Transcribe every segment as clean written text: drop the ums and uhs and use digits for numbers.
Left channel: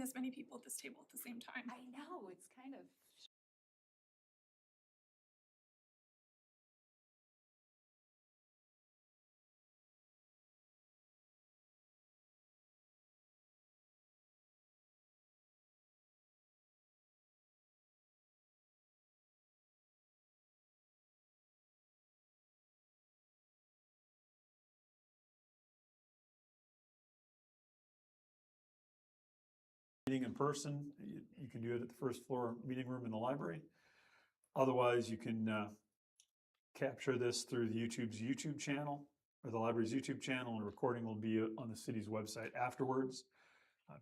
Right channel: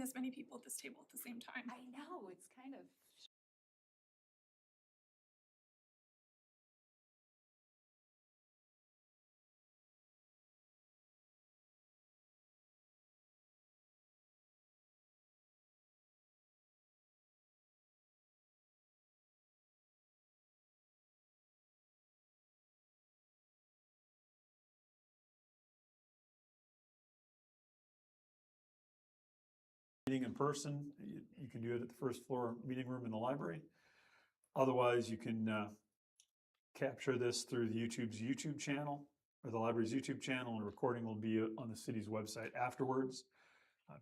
this many people at this table at the same time. I know, it's kind of. Meeting in person, you can do it at the first floor meeting room in the library. Otherwise, you can capture this through the YouTube channel or the library's YouTube channel, and a recording will be on the city's website afterwards.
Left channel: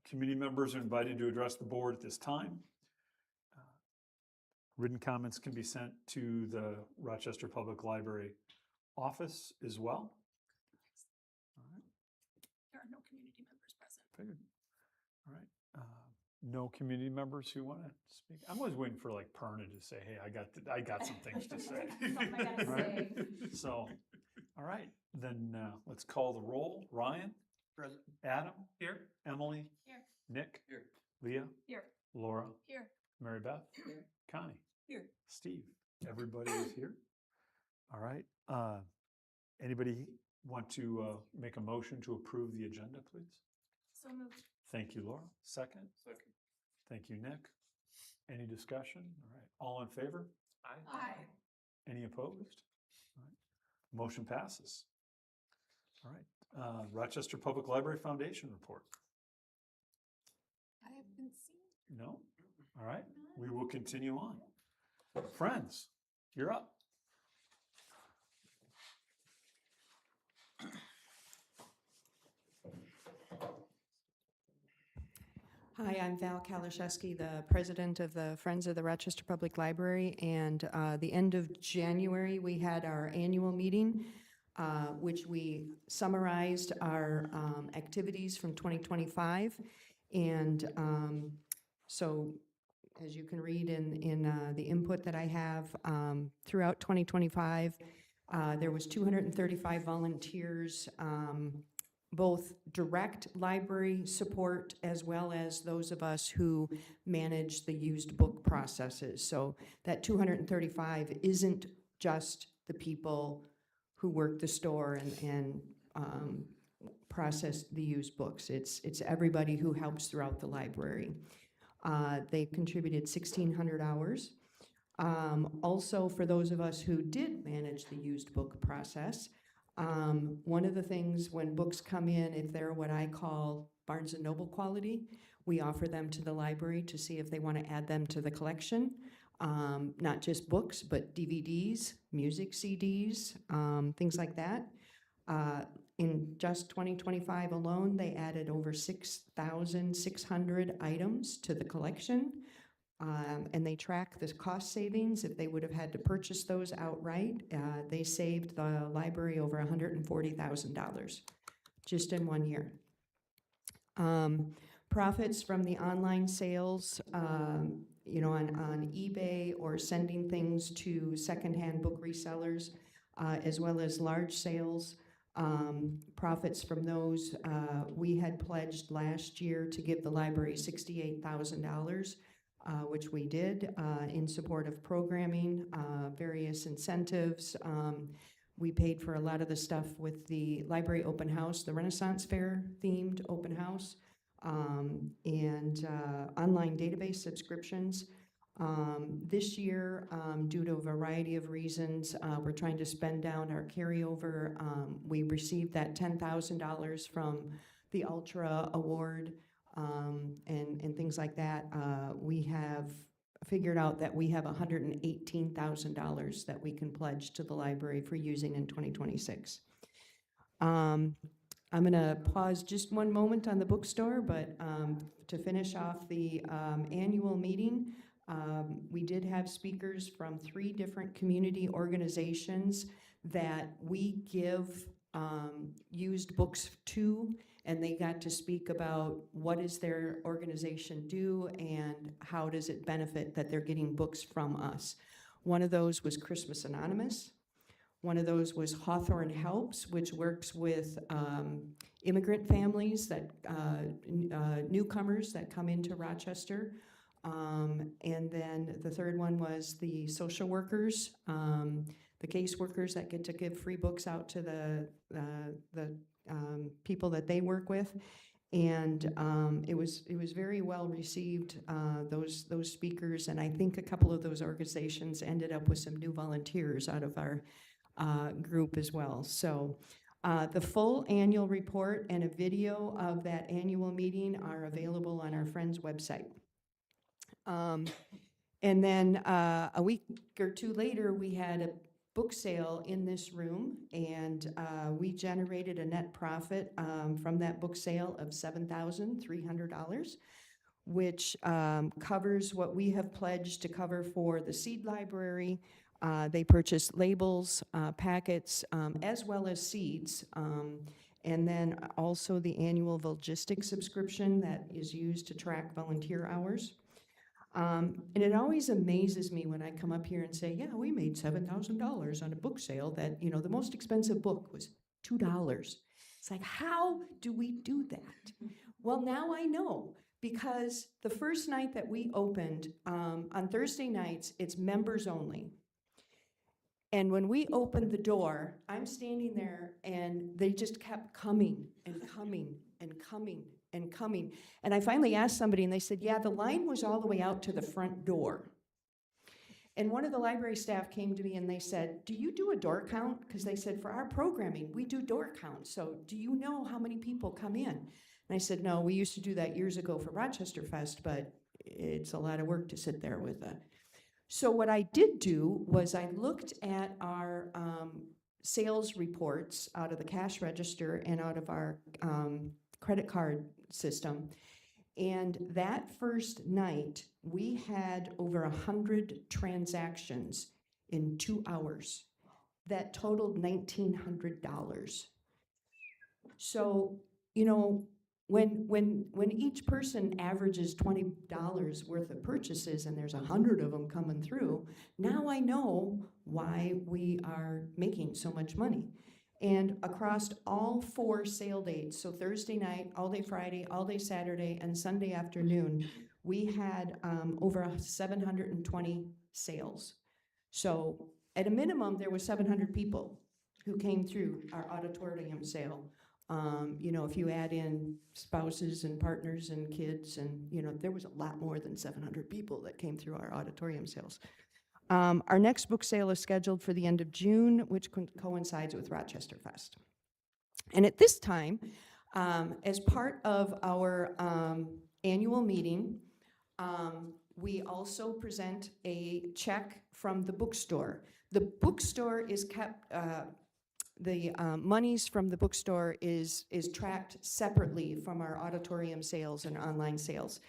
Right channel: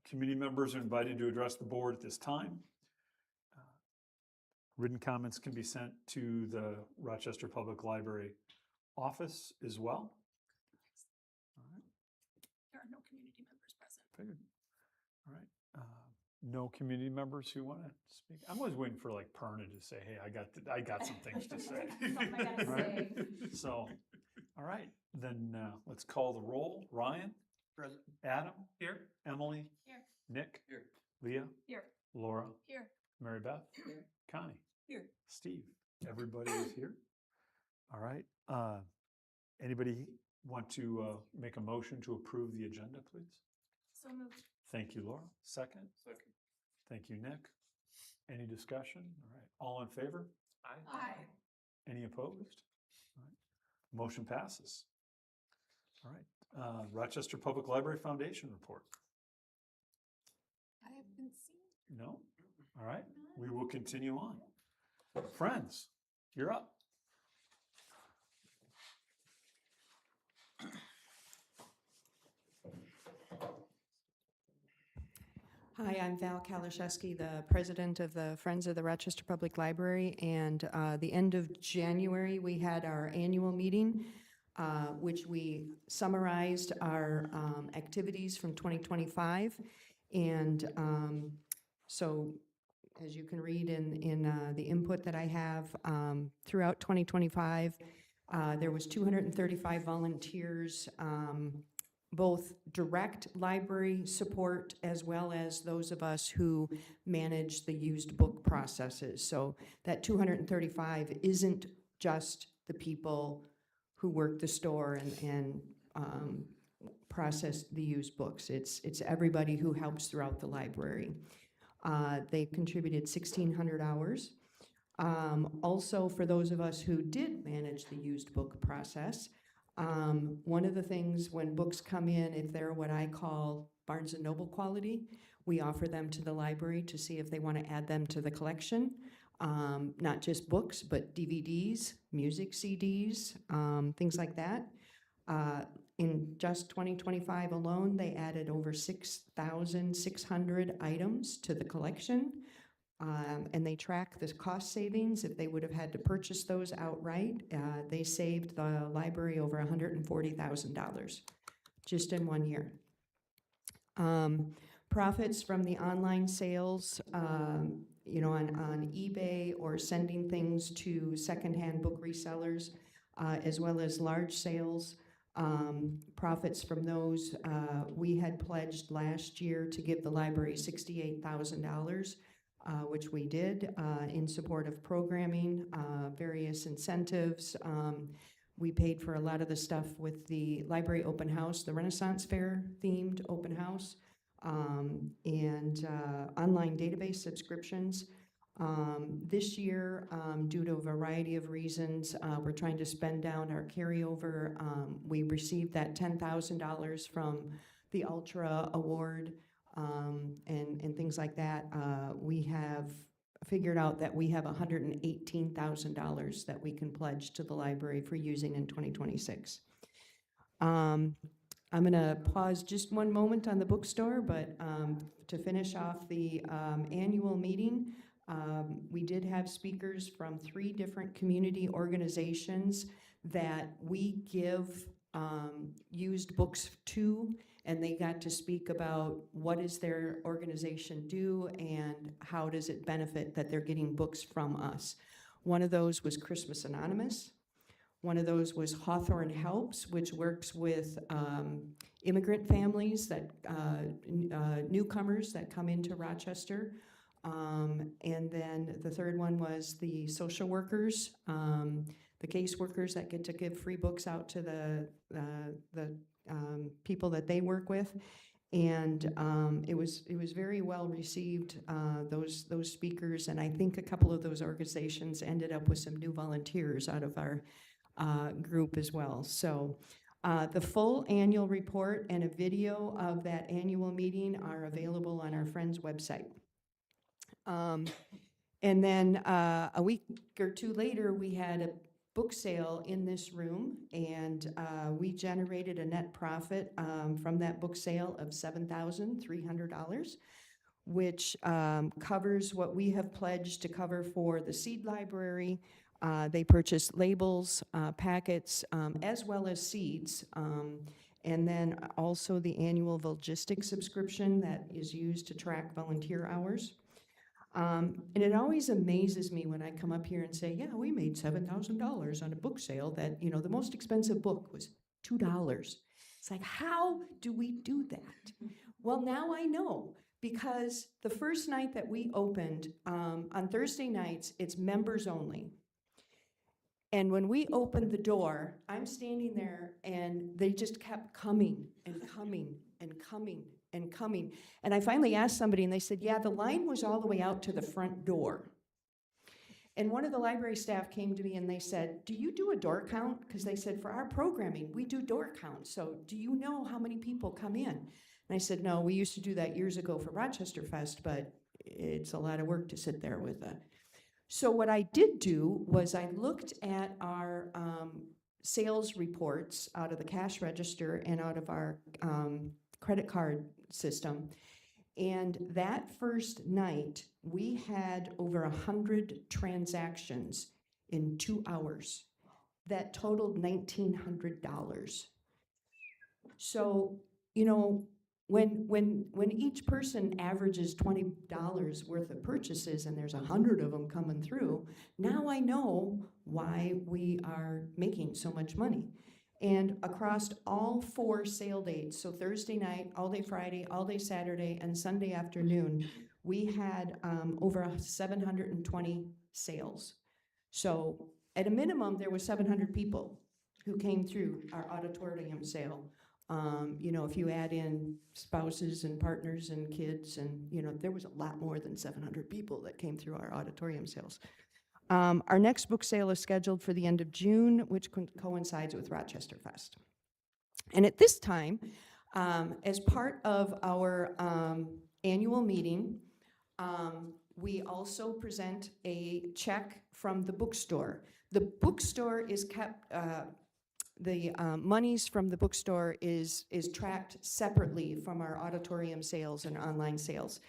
Community members are invited to address the board at this time. Written comments can be sent to the Rochester Public Library office as well. All right. There are no community members present. Figured. All right. No community members who want to speak? I'm always waiting for like Perna to say, hey, I got some things to say. Something I gotta Right? say. So, all right, then let's call the roll. Ryan? Present. Adam? Here. Emily? Here. Nick? Here. Leah? Here. Laura? Here. Mary Beth? Here. Connie? Here. Steve? Everybody is here? All right. Anybody want to make a motion to approve the agenda, please? So moved. Thank you, Laura. Second? Second. Thank you, Nick. Any discussion? All right. All in favor? Aye. Any opposed? All right. Motion passes. All right. Rochester Public Library Foundation report. I haven't seen. No? All right. We will continue on. Friends, you're up. Hi, I'm Val Kalaszewski, the president of the Friends of the Rochester Public Library. And the end of January, we had our annual meeting, which we summarized our activities from 2025. And so, as you can read in the input that I have, throughout 2025, there was 235 volunteers, both direct library support as well as those of us who manage the used book processes. So that 235 isn't just the people who work the store and process the used books. It's everybody who helps throughout the library. They contributed 1,600 hours. Also, for those of us who did manage the used book process, one of the things when books come in, if they're what I call Barnes & Noble quality, we offer them to the library to see if they want to add them to the collection. Not just books, but DVDs, music CDs, things like that. In just 2025 alone, they added over 6,600 items to the collection. And they track the cost savings. If they would have had to purchase those outright, they saved the library over $140,000 just in 1 year. Profits from the online sales, on eBay or sending things to secondhand book resellers, as well as large sales. Profits from those, we had pledged last year to give the library $68,000. Which we did in support of programming, various incentives. We paid for a lot of the stuff with the library open house, the Renaissance Fair themed open house, and online database subscriptions. This year, due to a variety of reasons, we're trying to spend down our carryover. We received that $10,000 from the Ultra Award. And things like that. We have figured out that we have $118,000 that we can pledge to the library for using in 2026. I'm going to pause just one moment on the bookstore, but to finish off the annual meeting, we did have speakers from 3 different community organizations that we give used books to, and they got to speak about what does their organization do and how does it benefit that they're getting books from us. One of those was Christmas Anonymous. One of those was Hawthorne Helps, which works with immigrant families that, newcomers that come into Rochester. And then the third one was the social workers, the caseworkers that get to give free books out to the people that they work with. And it was very well received, those speakers, and I think a couple of those organizations ended up with some new volunteers out of our group as well. So the full annual report and a video of that annual meeting are available on our Friends website. And then a week or two later, we had a book sale in this room, and we generated a net profit from that book sale of $7,300, which covers what we have pledged to cover for the seed library. They purchased labels, packets, as well as seeds, and then also the annual Volgistic subscription that is used to track volunteer hours. And it always amazes me when I come up here and say, yeah, we made $7,000 on a book sale that, you know, the most expensive book was $2. It's like, how do we do that? Well, now I know, because the first night that we opened, on Thursday nights, it's members only. And when we opened the door, I'm standing there, and they just kept coming and coming and coming and coming. And I finally asked somebody, and they said, yeah, the line was all the way out to the front door. And one of the library staff came to me and they said, do you do a door count? Because they said, for our programming, we do door counts. So do you know how many people come in? And I said, no, we used to do that years ago for Rochester Fest, but it's a lot of work to sit there with a. So what I did do was I looked at our sales reports out of the cash register and out of our credit card system. And that first night, we had over 100 transactions in 2 hours that totaled $1,900. So, you know, when each person averages $20 worth of purchases and there's 100 of them coming through, now I know why we are making so much money. And across all 4 sale dates, so Thursday night, all day Friday, all day Saturday, and Sunday afternoon, we had over 720 sales. So at a minimum, there was 700 people who came through our auditorium sale. You know, if you add in spouses and partners and kids, and, you know, there was a lot more than 700 people that came through our auditorium sales. Our next book sale is scheduled for the end of June, which coincides with Rochester Fest. And at this time, as part of our annual meeting, we also present a check from the bookstore. The bookstore is kept, the monies from the bookstore is tracked separately from our auditorium sales and online sales.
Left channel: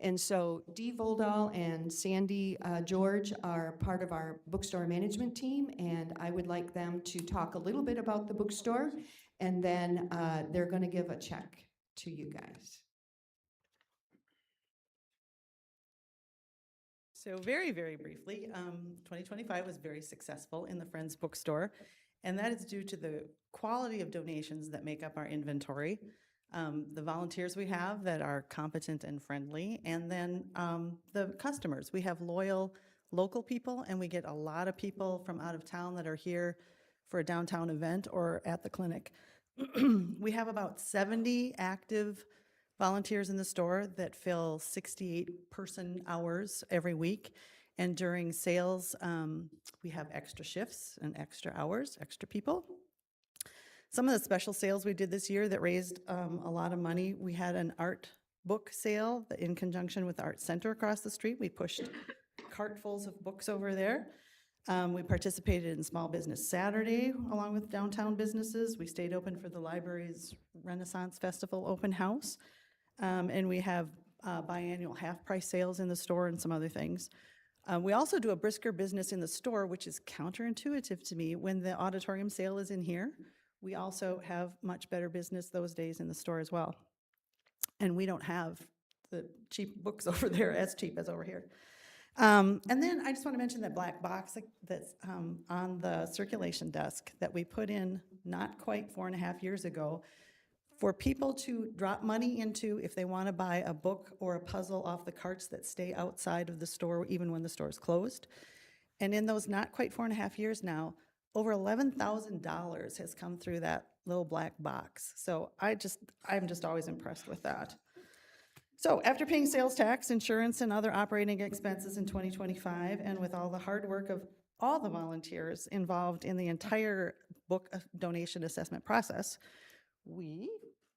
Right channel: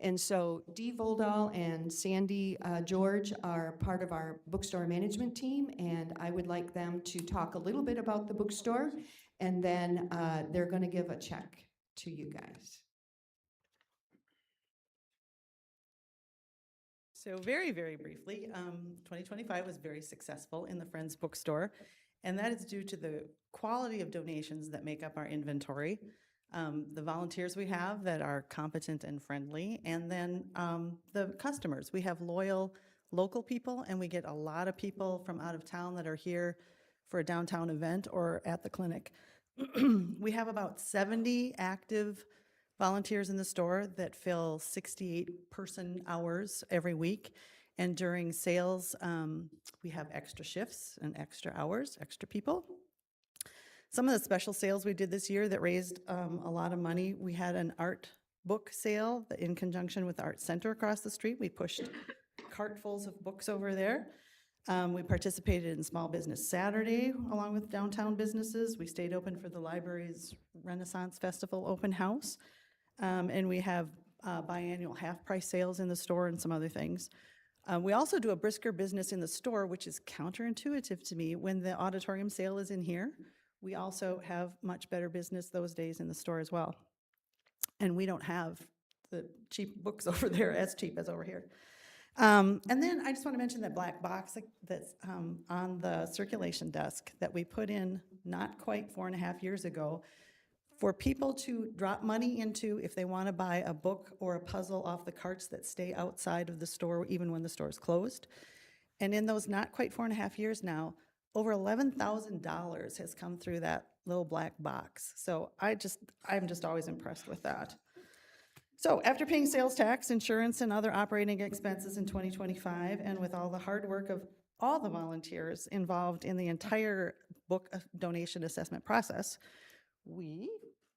And so Dee Voldal and Sandy George are part of our bookstore management team, and I would like them to talk a little bit about the bookstore, and then they're going to give a check to you guys. So very, very briefly, 2025 was very successful in the Friends Bookstore, and that is due to the quality of donations that make up our inventory. The volunteers we have that are competent and friendly, and then the customers. We have loyal local people, and we get a lot of people from out of town that are here for a downtown event or at the clinic. We have about 70 active volunteers in the store that fill 68 person hours every week. And during sales, we have extra shifts and extra hours, extra people. Some of the special sales we did this year that raised a lot of money, we had an art book sale in conjunction with the Art Center across the street. We pushed cartfuls of books over there. We participated in Small Business Saturday along with downtown businesses. We stayed open for the library's Renaissance Festival open house. And we have biannual half-price sales in the store and some other things. We also do a brisker business in the store, which is counterintuitive to me. When the auditorium sale is in here, we also have much better business those days in the store as well. And we don't have the cheap books over there as cheap as over here. And then I just want to mention that black box that's on the circulation desk that we put in not quite 4.5 years ago for people to drop money into if they want to buy a book or a puzzle off the carts that stay outside of the store even when the store is closed. And in those not quite 4.5 years now, over $11,000 has come through that little black box. So I'm just always impressed with that. So after paying sales tax, insurance, and other operating expenses in 2025, and with all the hard work of all the volunteers involved in the entire book donation assessment process, we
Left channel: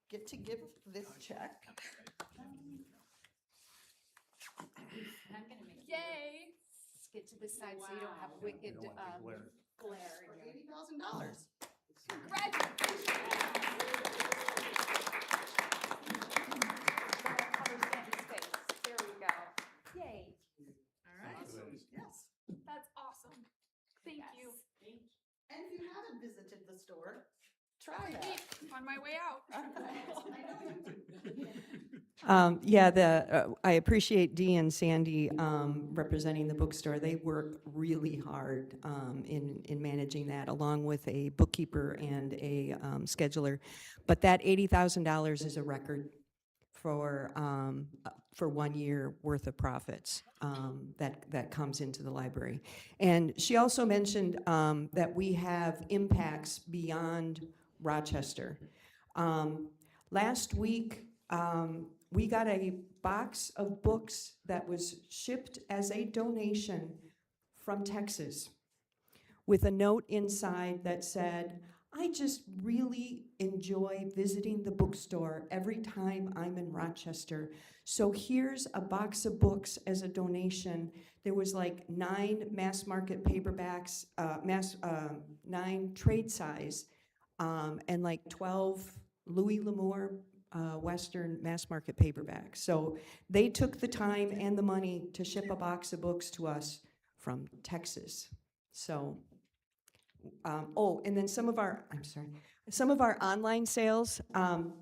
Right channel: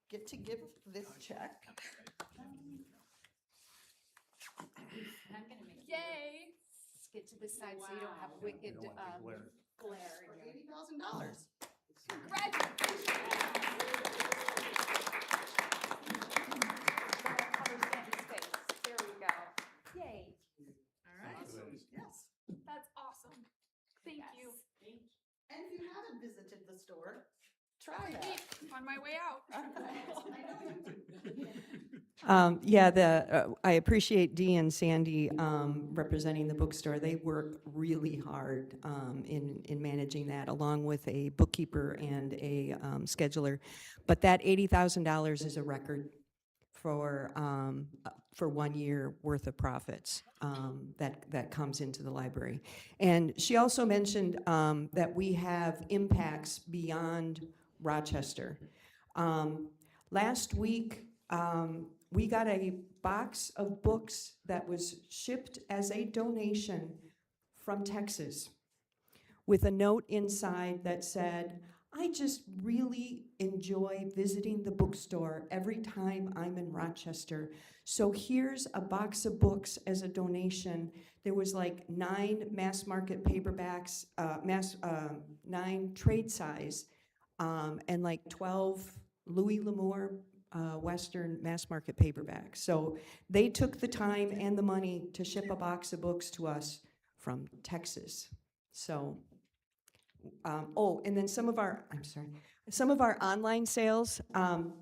get to give this check. And I'm gonna make you Yay. get to this side so you don't have wicked, don't want the glare. glare For in your. $80,000. Cover Sandy's face. There we go. Yay. All right. Yes. That's awesome. Thank you. And if you haven't visited the store, try that. On my way out. I appreciate Dee and Sandy representing the bookstore. They work really hard in managing that, along with a bookkeeper and a scheduler. But that $80,000 is a record for 1 year worth of profits that comes into the library. And she also mentioned that we have impacts beyond Rochester. Last week, we got a box of books that was shipped as a donation from Texas with a note inside that said, "I just really enjoy visiting the bookstore every time I'm in Rochester. So here's a box of books as a donation." There was like 9 mass market paperbacks, 9 trade size, and like 12 Louis L'Amour Western mass market paperbacks. So they took the time and the money to ship a box of books to us from Texas. So, and then some of our online sales,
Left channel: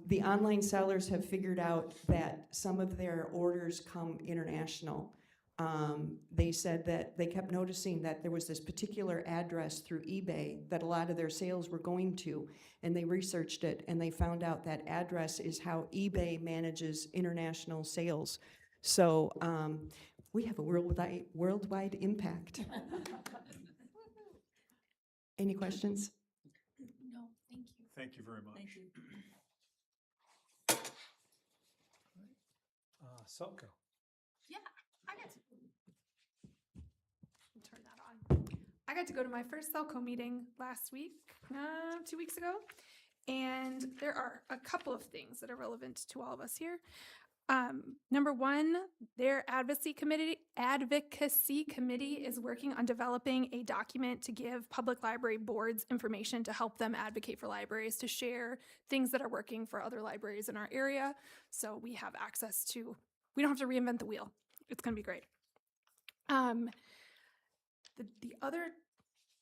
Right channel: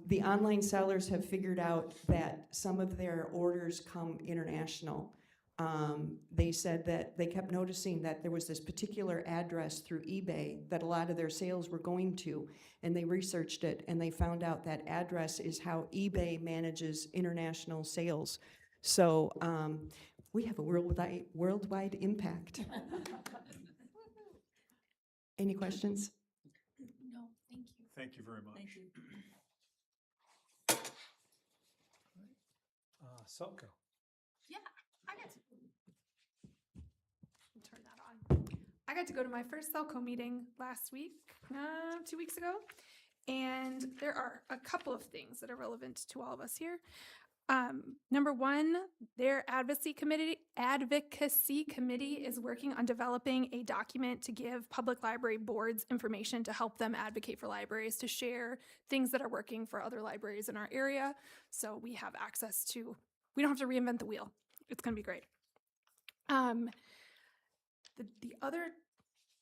the online sellers have figured out that some of their orders come international. They said that they kept noticing that there was this particular address through eBay that a lot of their sales were going to, and they researched it and they found out that address is how eBay manages international sales. So we have a worldwide impact. Any questions? No, thank you. Thank you very much. Thank you. Selco. I got to turn that on. I got to go to my first Celco meeting last week, 2 weeks ago, and there are a couple of things that are relevant to all of us here. Number one, their advocacy committee is working on developing a document to give public library boards information to help them advocate for libraries, to share things that are working for other libraries in our area. So we have access to, we don't have to reinvent the wheel. It's going to be great.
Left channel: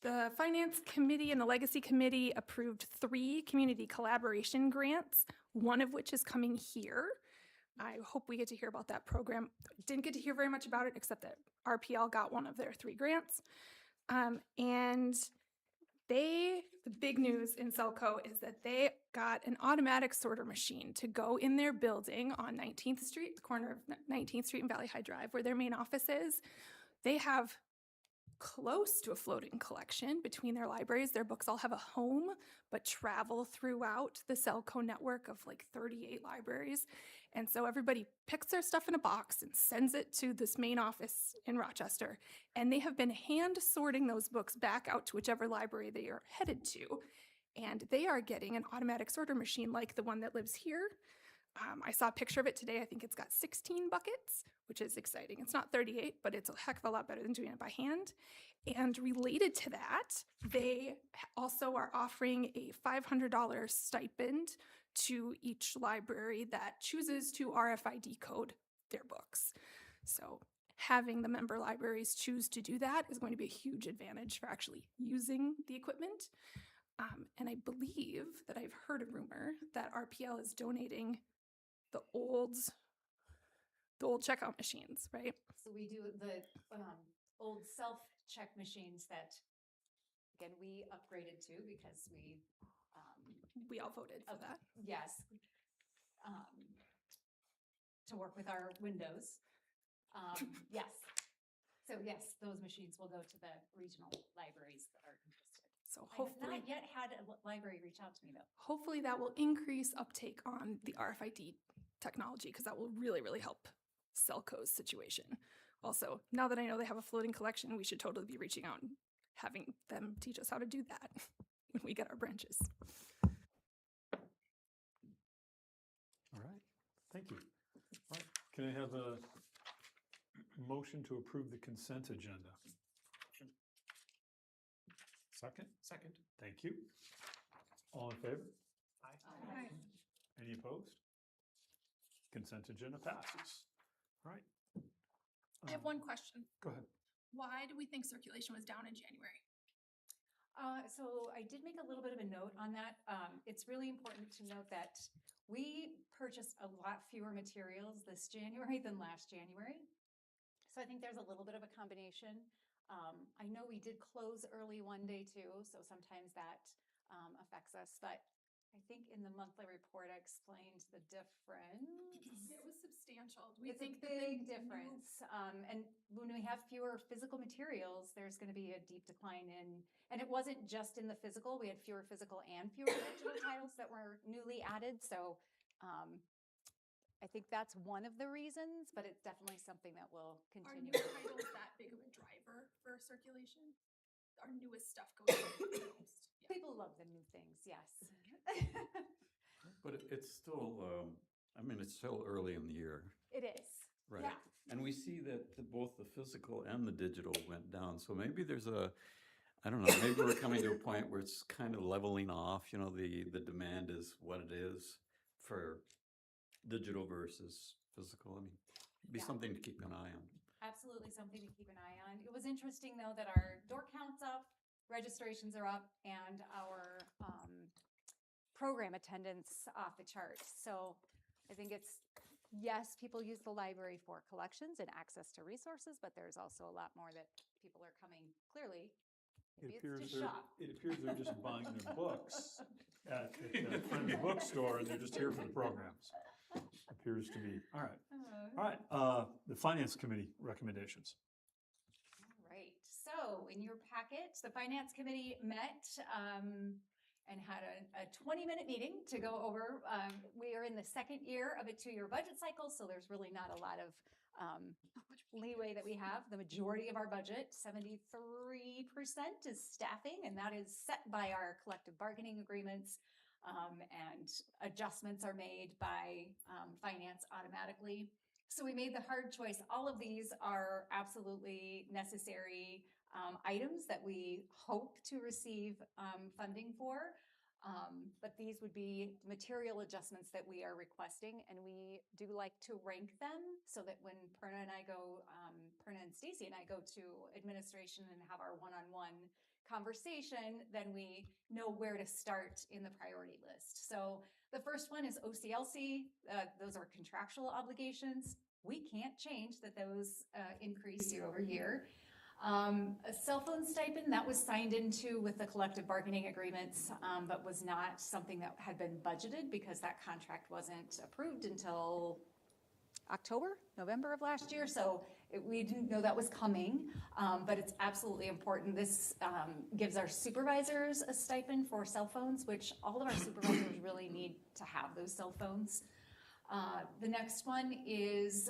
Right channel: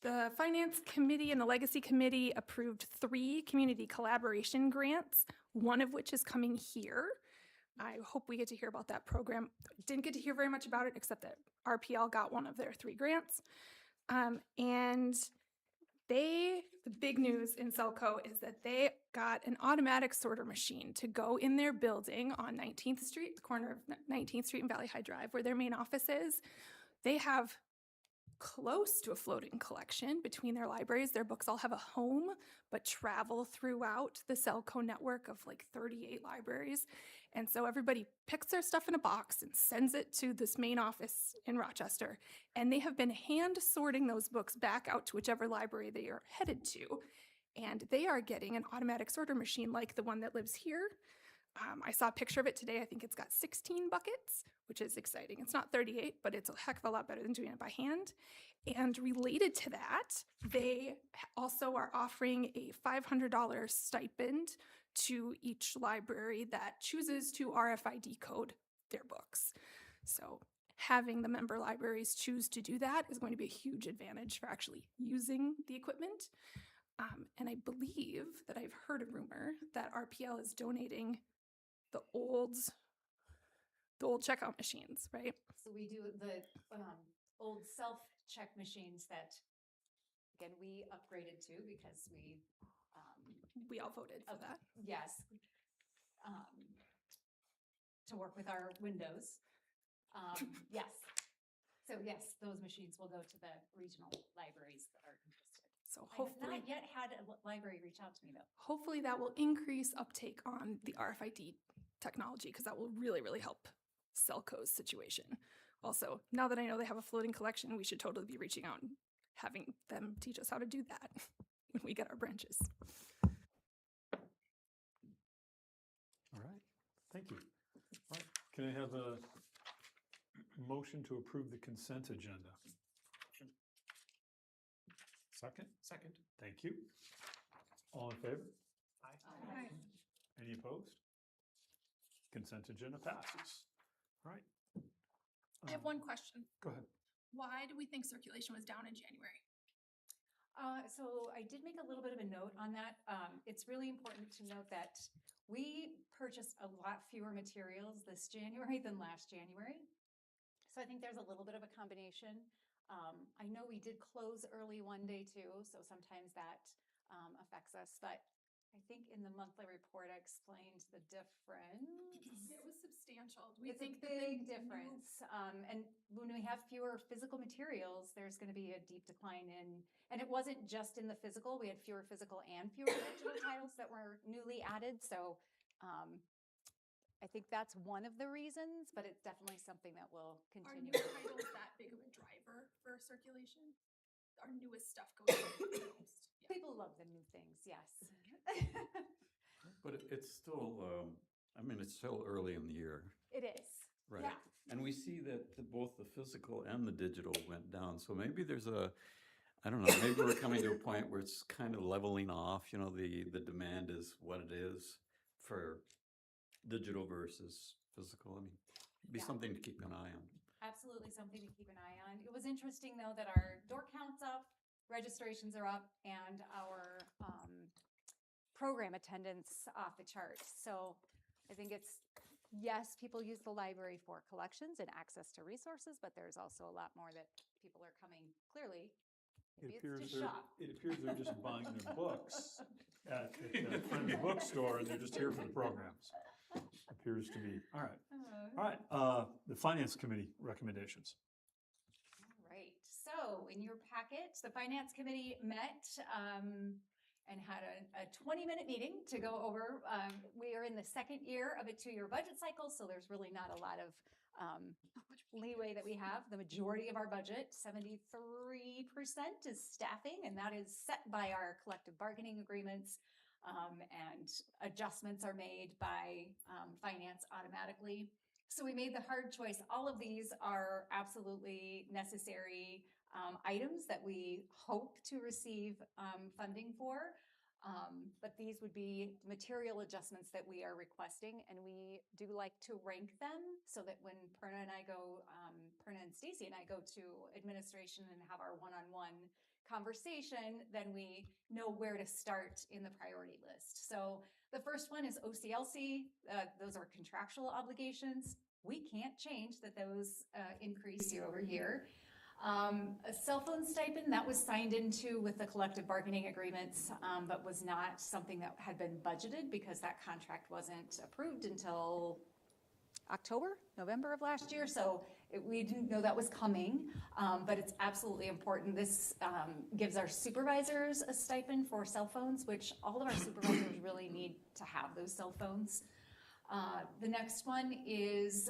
The finance committee and the legacy committee approved 3 community collaboration grants, one of which is coming here. I hope we get to hear about that program. Didn't get to hear very much about it, except that RPL got one of their 3 grants. And the big news in Celco is that they got an automatic sorter machine to go in their building on 19th Street, the corner of 19th Street and Valley High Drive, where their main office is. They have close to a floating collection between their libraries. Their books all have a home, but travel throughout the Celco network of like 38 libraries. And so everybody picks their stuff in a box and sends it to this main office in Rochester. And they have been hand sorting those books back out to whichever library they are headed to. And they are getting an automatic sorter machine like the one that lives here. I saw a picture of it today. I think it's got 16 buckets, which is exciting. It's not 38, but it's a heck of a lot better than doing it by hand. And related to that, they also are offering a $500 stipend to each library that chooses to RFID code their books. So having the member libraries choose to do that is going to be a huge advantage for actually using the equipment. And I believe that I've heard a rumor that RPL is donating the old checkout machines, right? So we do the old self-check machines that, again, we upgraded to because we We all voted for that. Yes. To work with our windows. Yes. So yes, those machines will go to the regional libraries that are interested. So I have hopefully, not yet had a library reach out to me though. hopefully that will increase uptake on the RFID technology because that will really, really help Selco's situation. Also, now that I know they have a floating collection, we should totally be reaching out and having them teach us how to do that when we get our branches. All right, thank you. All right, can I have a motion to approve the consent agenda? Second? Second. Thank you. All in favor? Aye. Any opposed? Consent agenda passes. All right. I have one question. Go ahead. Why do we think circulation was down in January? So I did make a little bit of a note on that. It's really important to note that we purchased a lot fewer materials this January than last January. So I think there's a little bit of a combination. I know we did close early one day too, so sometimes that affects us, but I think in the monthly report I explained the difference. It was substantial. It's a big difference. And when we have fewer physical materials, there's going to be a deep decline in, and it wasn't just in the physical, we had fewer physical and fewer digital titles that were newly added. So I think that's one of the reasons, but it's definitely something that will Are continue. new titles that big of a driver for circulation? Our newest stuff goes the most. Yeah. People love the new things, yes. But it's still, I mean, it's still early in the year, It is. right? Yeah. And we see that both the physical and the digital went down. So maybe there's a, I don't know, maybe we're coming to a point where it's kind of leveling off. You know, the demand is what it is for digital versus physical. I mean, it'd be Yeah. something to keep an eye on. Absolutely something to keep an eye on. It was interesting though that our door count's up, registrations are up, and our program attendance off the charts. So I think it's, yes, people use the library for collections and access to resources, but there's also a lot more that people are coming clearly. Maybe it's to shop. It appears they're just buying their books at the Friends Bookstore and they're just here for the programs. Appears to be. All right. All right. The Finance Committee recommendations. All right, so in your packet, the Finance Committee met and had a 20-minute meeting to go over. We are in the second year of a 2-year budget cycle, so there's really not a lot of leeway that we have. The majority of our budget, 73%, is staffing, and that is set by our collective bargaining agreements. And adjustments are made by finance automatically. So we made the hard choice. All of these are absolutely necessary items that we hope to receive funding for. But these would be material adjustments that we are requesting, and we do like to rank them so that when Perna and Stacy and I go to administration and have our one-on-one conversation, then we know where to start in the priority list. So the first one is OCLC. Those are contractual obligations. We can't change that those increase year over year. A cell phone stipend that was signed into with the collective bargaining agreements, but was not something that had been budgeted because that contract wasn't approved until November of last year. So we didn't know that was coming, but it's absolutely important. This gives our supervisors a stipend for cell phones, which all of our supervisors really need to have those cell phones. The next one is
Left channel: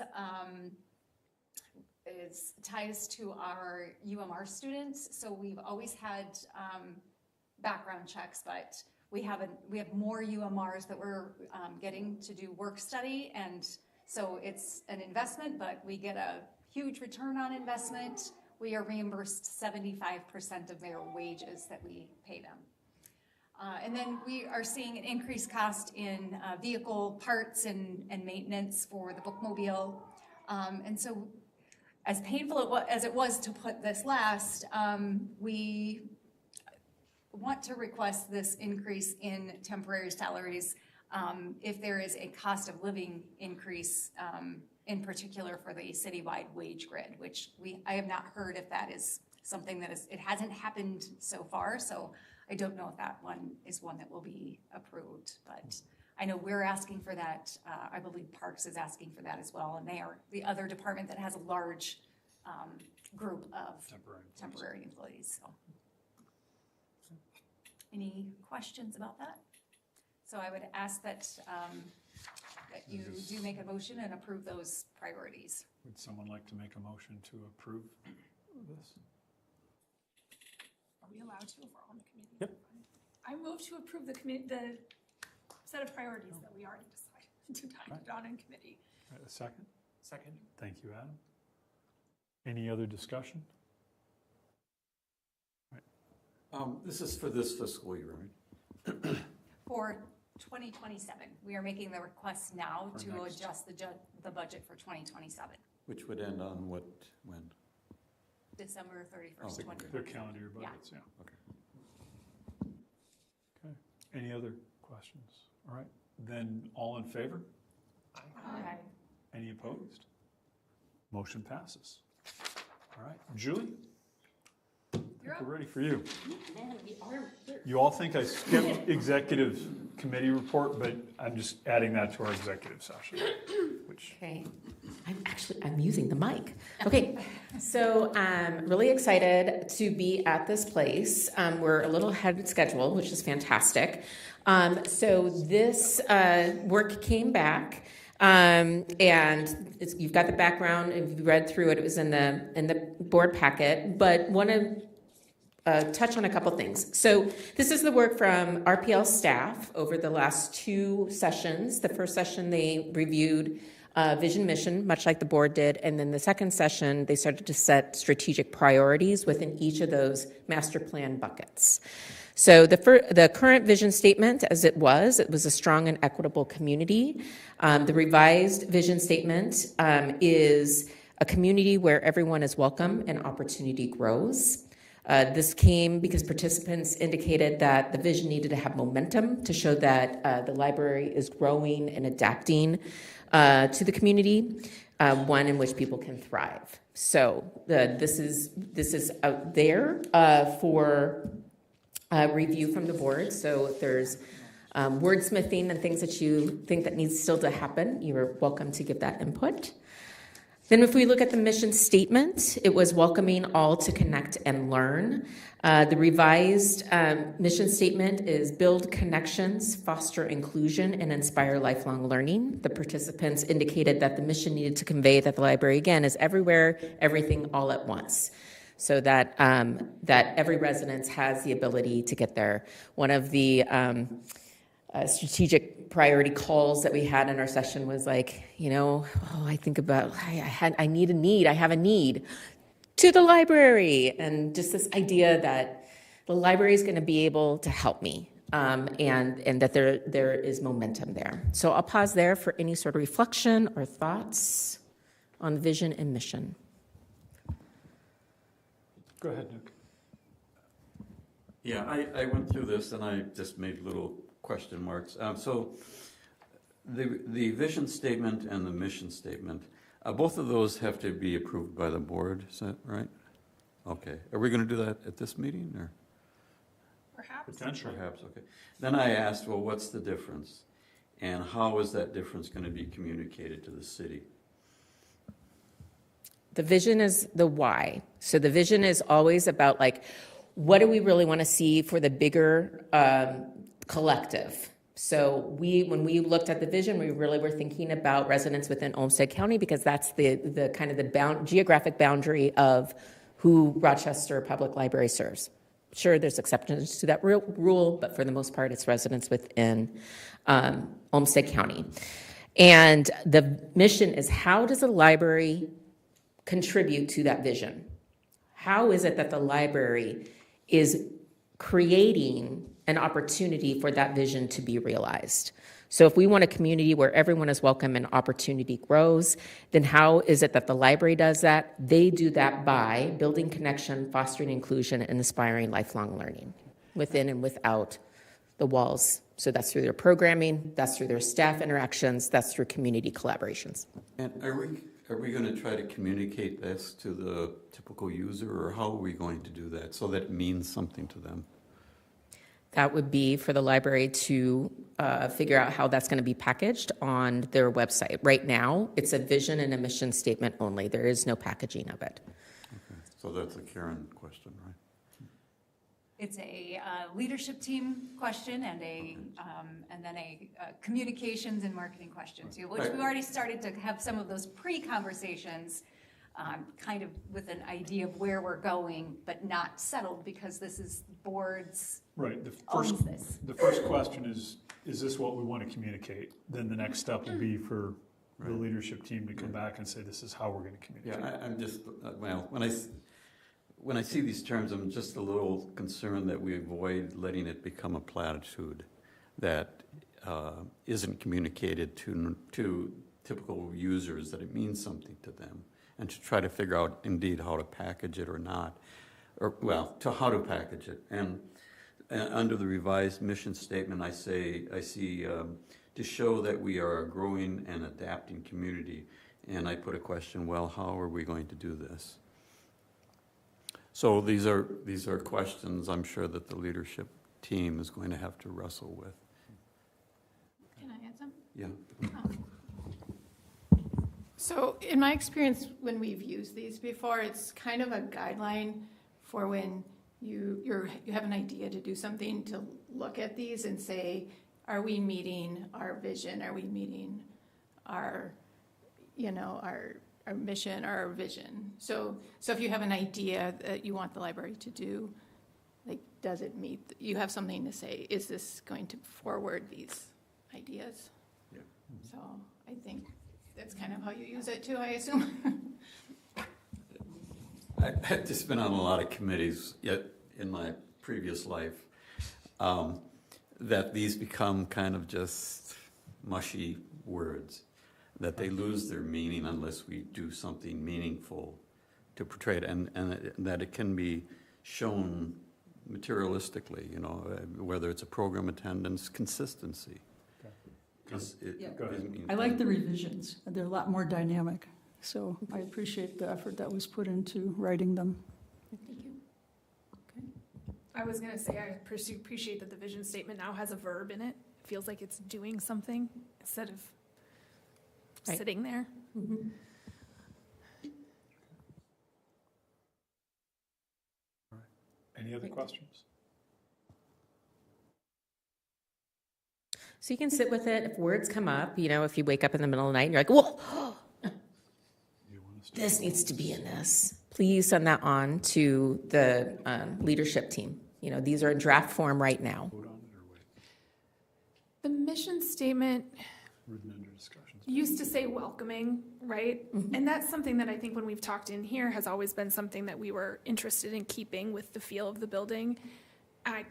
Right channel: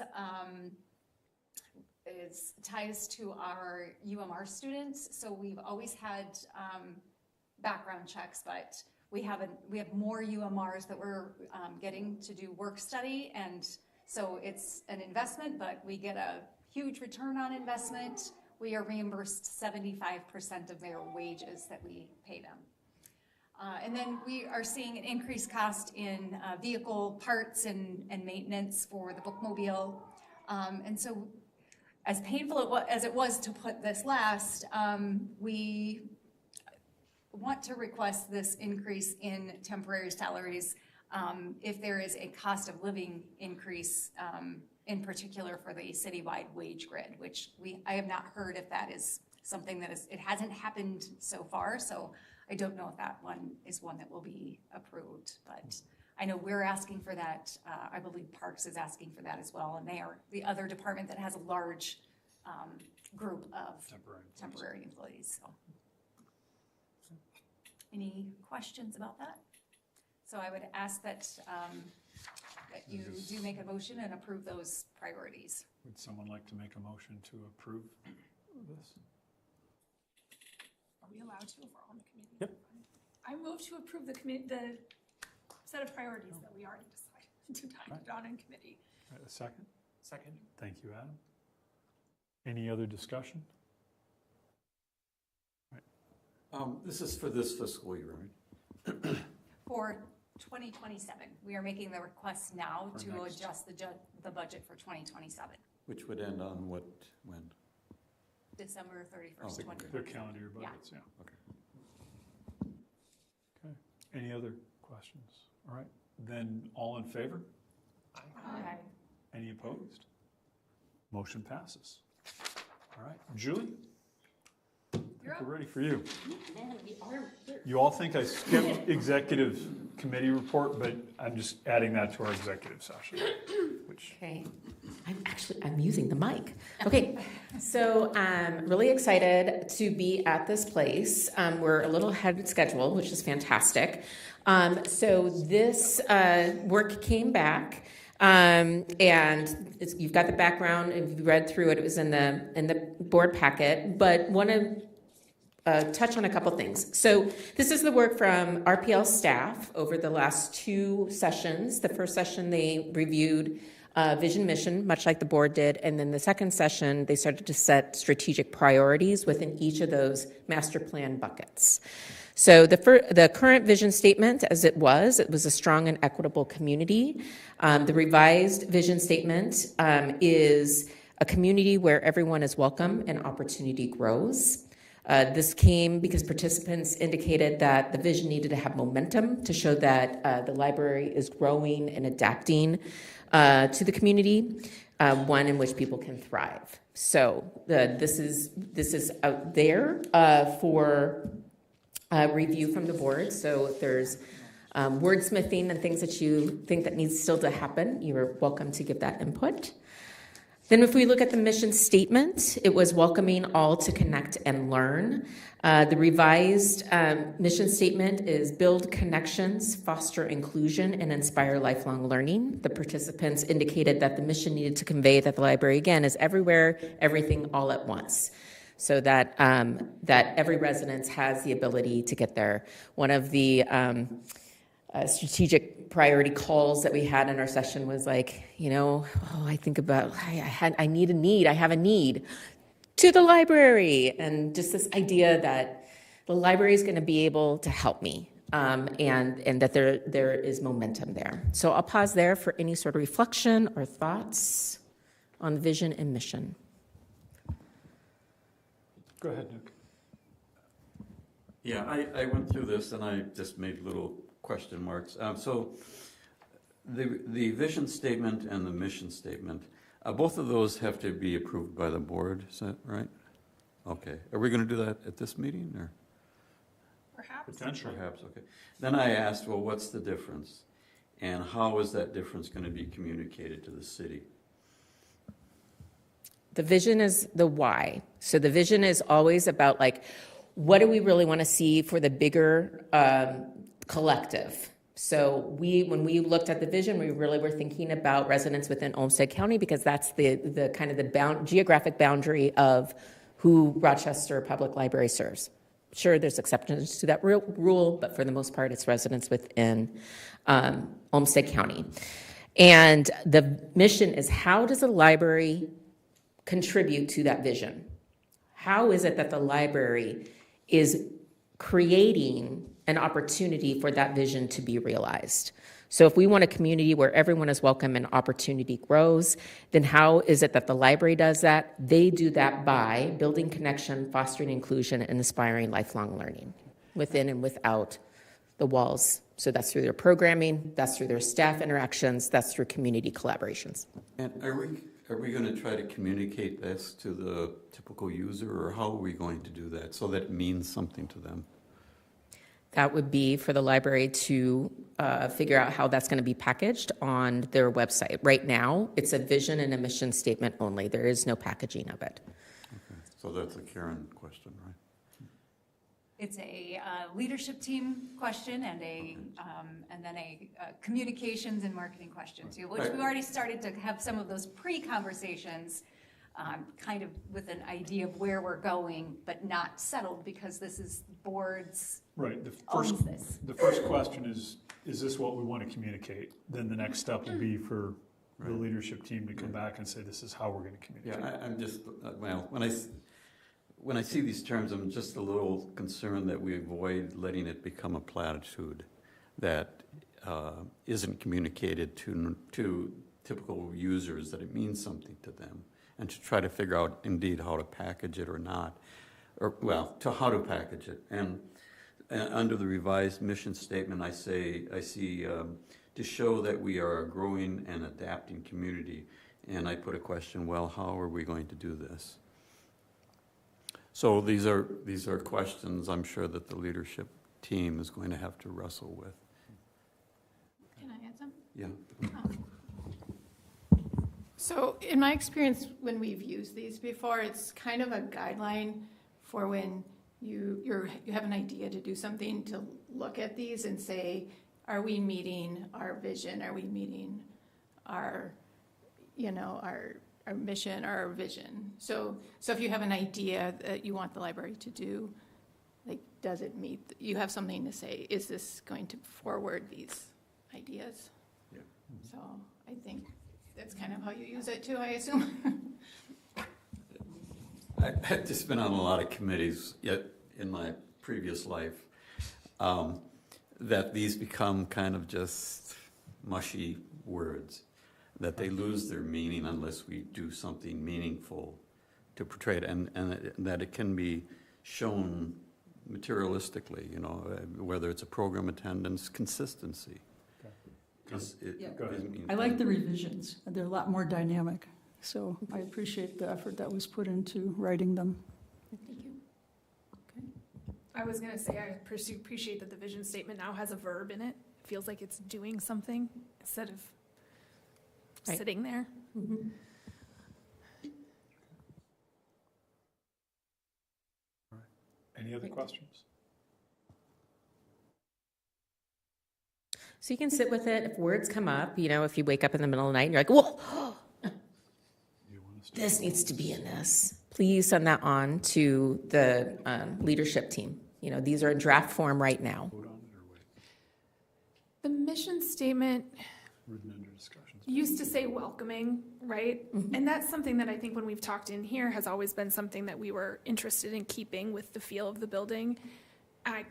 ties to our UMR students. So we've always had background checks, but we have more UMRs that we're getting to do work study, and so it's an investment, but we get a huge return on investment. We are reimbursed 75% of their wages that we pay them. And then we are seeing an increased cost in vehicle parts and maintenance for the bookmobile. And so as painful as it was to put this last, we want to request this increase in temporary salaries if there is a cost of living increase, in particular for the citywide wage grid, which I have not heard if that is something that it hasn't happened so far, so I don't know if that one is one that will be approved, but I know we're asking for that. I believe Parks is asking for that as well, and they are the other department that has a large group of temporary employees, so. Any questions about that? So I would ask that, that you do make a motion and approve those priorities. Would someone like to make a motion to approve this? Are we allowed to if we're on the committee? Yep. I move to approve the set of priorities that we already decided on in committee. A second? Second. Thank you, Adam. Any other discussion? This is for this fiscal year, right? For 2027, we are making the request now For to next. adjust the budget for 2027, Which would end on what, when? December 31st, Oh, Their 2027. calendar year Yeah. budgets, yeah. Okay. Okay. Any other questions? All right, then all in favor? Okay. Any opposed? Motion passes. All right, Julie? I think we're ready for you. You all think I skipped executive committee report, but I'm just adding that to our executive session, which, Okay, I'm using the mic. Okay, so I'm really excited to be at this place. We're a little ahead of schedule, which is fantastic. So this work came back, and you've got the background. If you read through it, it was in the board packet. But want to touch on a couple things. So this is the work from RPL staff over the last 2 sessions. The first session they reviewed vision mission, much like the board did, and then the second session they started to set strategic priorities within each of those master plan buckets. So the current vision statement, as it was a strong and equitable community. The revised vision statement is a community where everyone is welcome and opportunity grows. This came because participants indicated that the vision needed to have momentum to show that the library is growing and adapting to the community, one in which people can thrive. So this is out there for review from the board. So if there's wordsmithing and things that you think that needs still to happen, you're welcome to give that input. Then if we look at the mission statement, it was welcoming all to connect and learn. The revised mission statement is build connections, foster inclusion, and inspire lifelong learning. The participants indicated that the mission needed to convey that the library, again, is everywhere, everything, all at once. So that every resident has the ability to get there. One of the strategic priority calls that we had in our session was like, I think about, I have a need to the library, and just this idea that the library is going to be able to help me, and that there is momentum there. So I'll pause there for any sort of reflection or thoughts on vision and mission. go ahead, Nick. Yeah, I went through this and I just made little question marks. So the vision statement and the mission statement, both of those have to be approved by the board, is that right? Okay. Are we going to do that at this meeting or? Perhaps. Potentially. Perhaps, okay. Then I asked, well, what's the difference? And how is that difference going to be communicated to the city? The vision is the why. So the vision is always about what do we really want to see for the bigger collective? So when we looked at the vision, we really were thinking about residents within Olmsted County because that's the kind of the geographic boundary of who Rochester Public Library serves. Sure, there's exceptions to that rule, but for the most part, it's residents within Olmsted County. And the mission is, how does a library contribute to that vision? How is it that the library is creating an opportunity for that vision to be realized? So if we want a community where everyone is welcome and opportunity grows, then how is it that the library does that? They do that by building connection, fostering inclusion, and inspiring lifelong learning within and without the walls. So that's through their programming, that's through their staff interactions, that's through community collaborations. And Are we going to try to communicate this to the typical user, or how are we going to do that so that it means something to them? That would be for the library to figure out how that's going to be packaged on their website. Right now, it's a vision and a mission statement only. There is no packaging of it. Okay. So that's a Karen question, right? It's a leadership team question and then a communications and marketing question too, which we've already started to have some of those pre-conversations, kind of with an idea of where we're going, but not settled because this is boards. Right, owns this. the first question is this what we want to communicate? Then the next step will be for the Right. leadership team to come back and say, this is how we're going to communicate. Yeah, I'm just, well, when I see these terms, I'm just a little concerned that we avoid letting it become a platitude that isn't communicated to typical users, that it means something to them, and to try to figure out indeed how to package it or not, or, well, to how to package it. And under the revised mission statement, I see to show that we are a growing and adapting community. And I put a question, well, how are we going to do this? So these are questions I'm sure that the leadership team is going to have to wrestle with. Can I add some? Yeah. So in my experience, when we've used these before, it's kind of a guideline for when you have an idea to do something, to look at these and say, are we meeting our vision? Are we meeting our mission or our vision? So if you have an idea that you want the library to do, like, does it meet, you have something to say, is this going to forward these ideas? Yeah. So I think that's kind of how you use it too, I assume. I've just been on a lot of committees yet in my previous life, that these become kind of just mushy words, that they lose their meaning unless we do something meaningful to portray it, and that it can be shown materialistically, whether it's a program attendance, consistency. Because Go ahead. I like the revisions. They're a lot more dynamic. So I appreciate the effort that was put into writing them. Thank you. I was gonna say, I appreciate that the vision statement now has a verb in it. It feels like it's doing something instead of Right. sitting there. Mhm. Any other questions? So you can sit with it. If words come up, if you wake up in the middle of the night and you're like, whoa, You want to start? this needs to be in this, please send that on to the leadership team. These are in draft form right now. Vote on it or wait? The mission statement Written under discussions. used to say welcoming, right? And that's something that I think when we've talked in here has always been something that we were interested in keeping with the feel of the building. I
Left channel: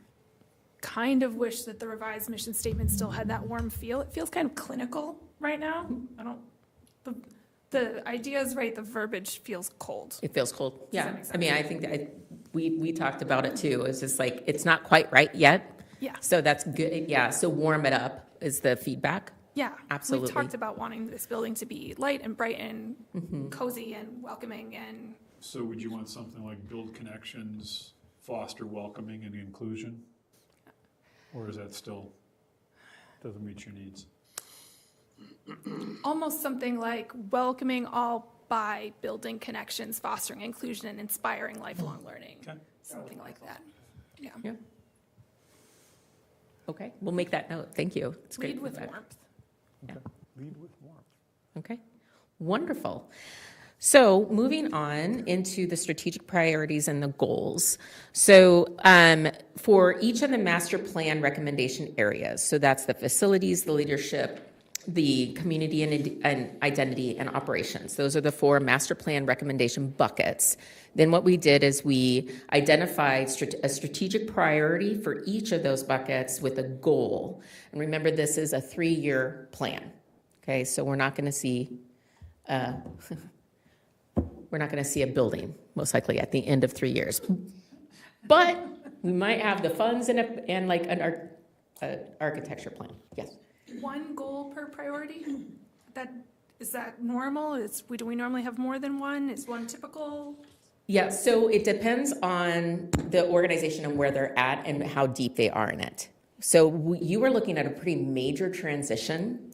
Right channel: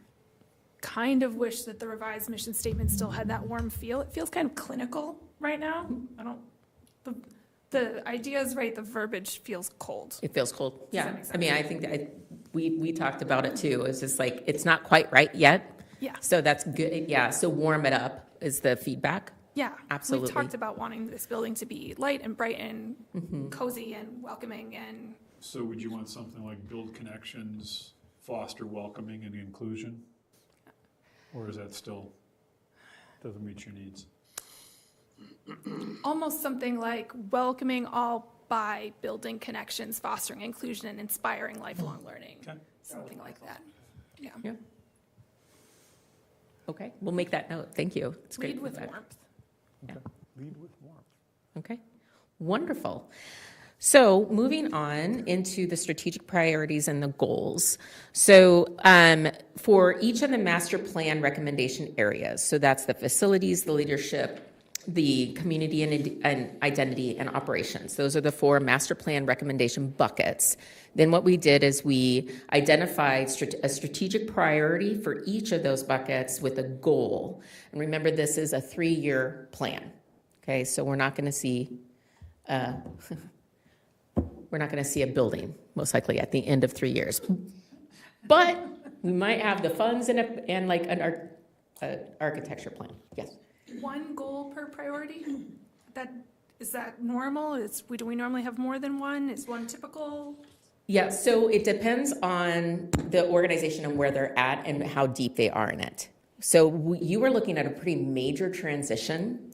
kind of wish that the revised mission statement still had that warm feel. It feels kind of clinical right now. The idea is right, the verbiage feels cold. It feels cold. that Yeah. make I mean, I think that we talked about it too. It's just like, it's not quite right yet. Yeah. So that's good. Yeah. So warm it up is the feedback. Yeah. Absolutely. We've talked about wanting this building to be light and bright and cozy and welcoming and So would you want something like build connections, foster welcoming and inclusion? Or is that still, doesn't meet your needs? almost something like welcoming all by building connections, fostering inclusion, and inspiring lifelong learning. Okay. Something like that. Yeah. Yeah. Okay. We'll make that note. Thank you. It's great Lead with feedback. warmth. Yeah. Lead with warmth. Okay, wonderful. So moving on into the strategic priorities and the goals. So for each of the master plan recommendation areas, so that's the facilities, the leadership, the community and identity and operations. Those are the 4 master plan recommendation buckets. Then what we did is we identified a strategic priority for each of those buckets with a goal. And remember, this is a 3-year plan. Okay, so we're not going to see a building most likely at the end of 3 years, but we might have the funds and like an architecture plan. Yes. One goal per priority? That Is that normal? Do we normally have more than one? Is one typical? Yeah, so it depends on the organization and where they're at and how deep they are in it. So you were looking at a pretty major transition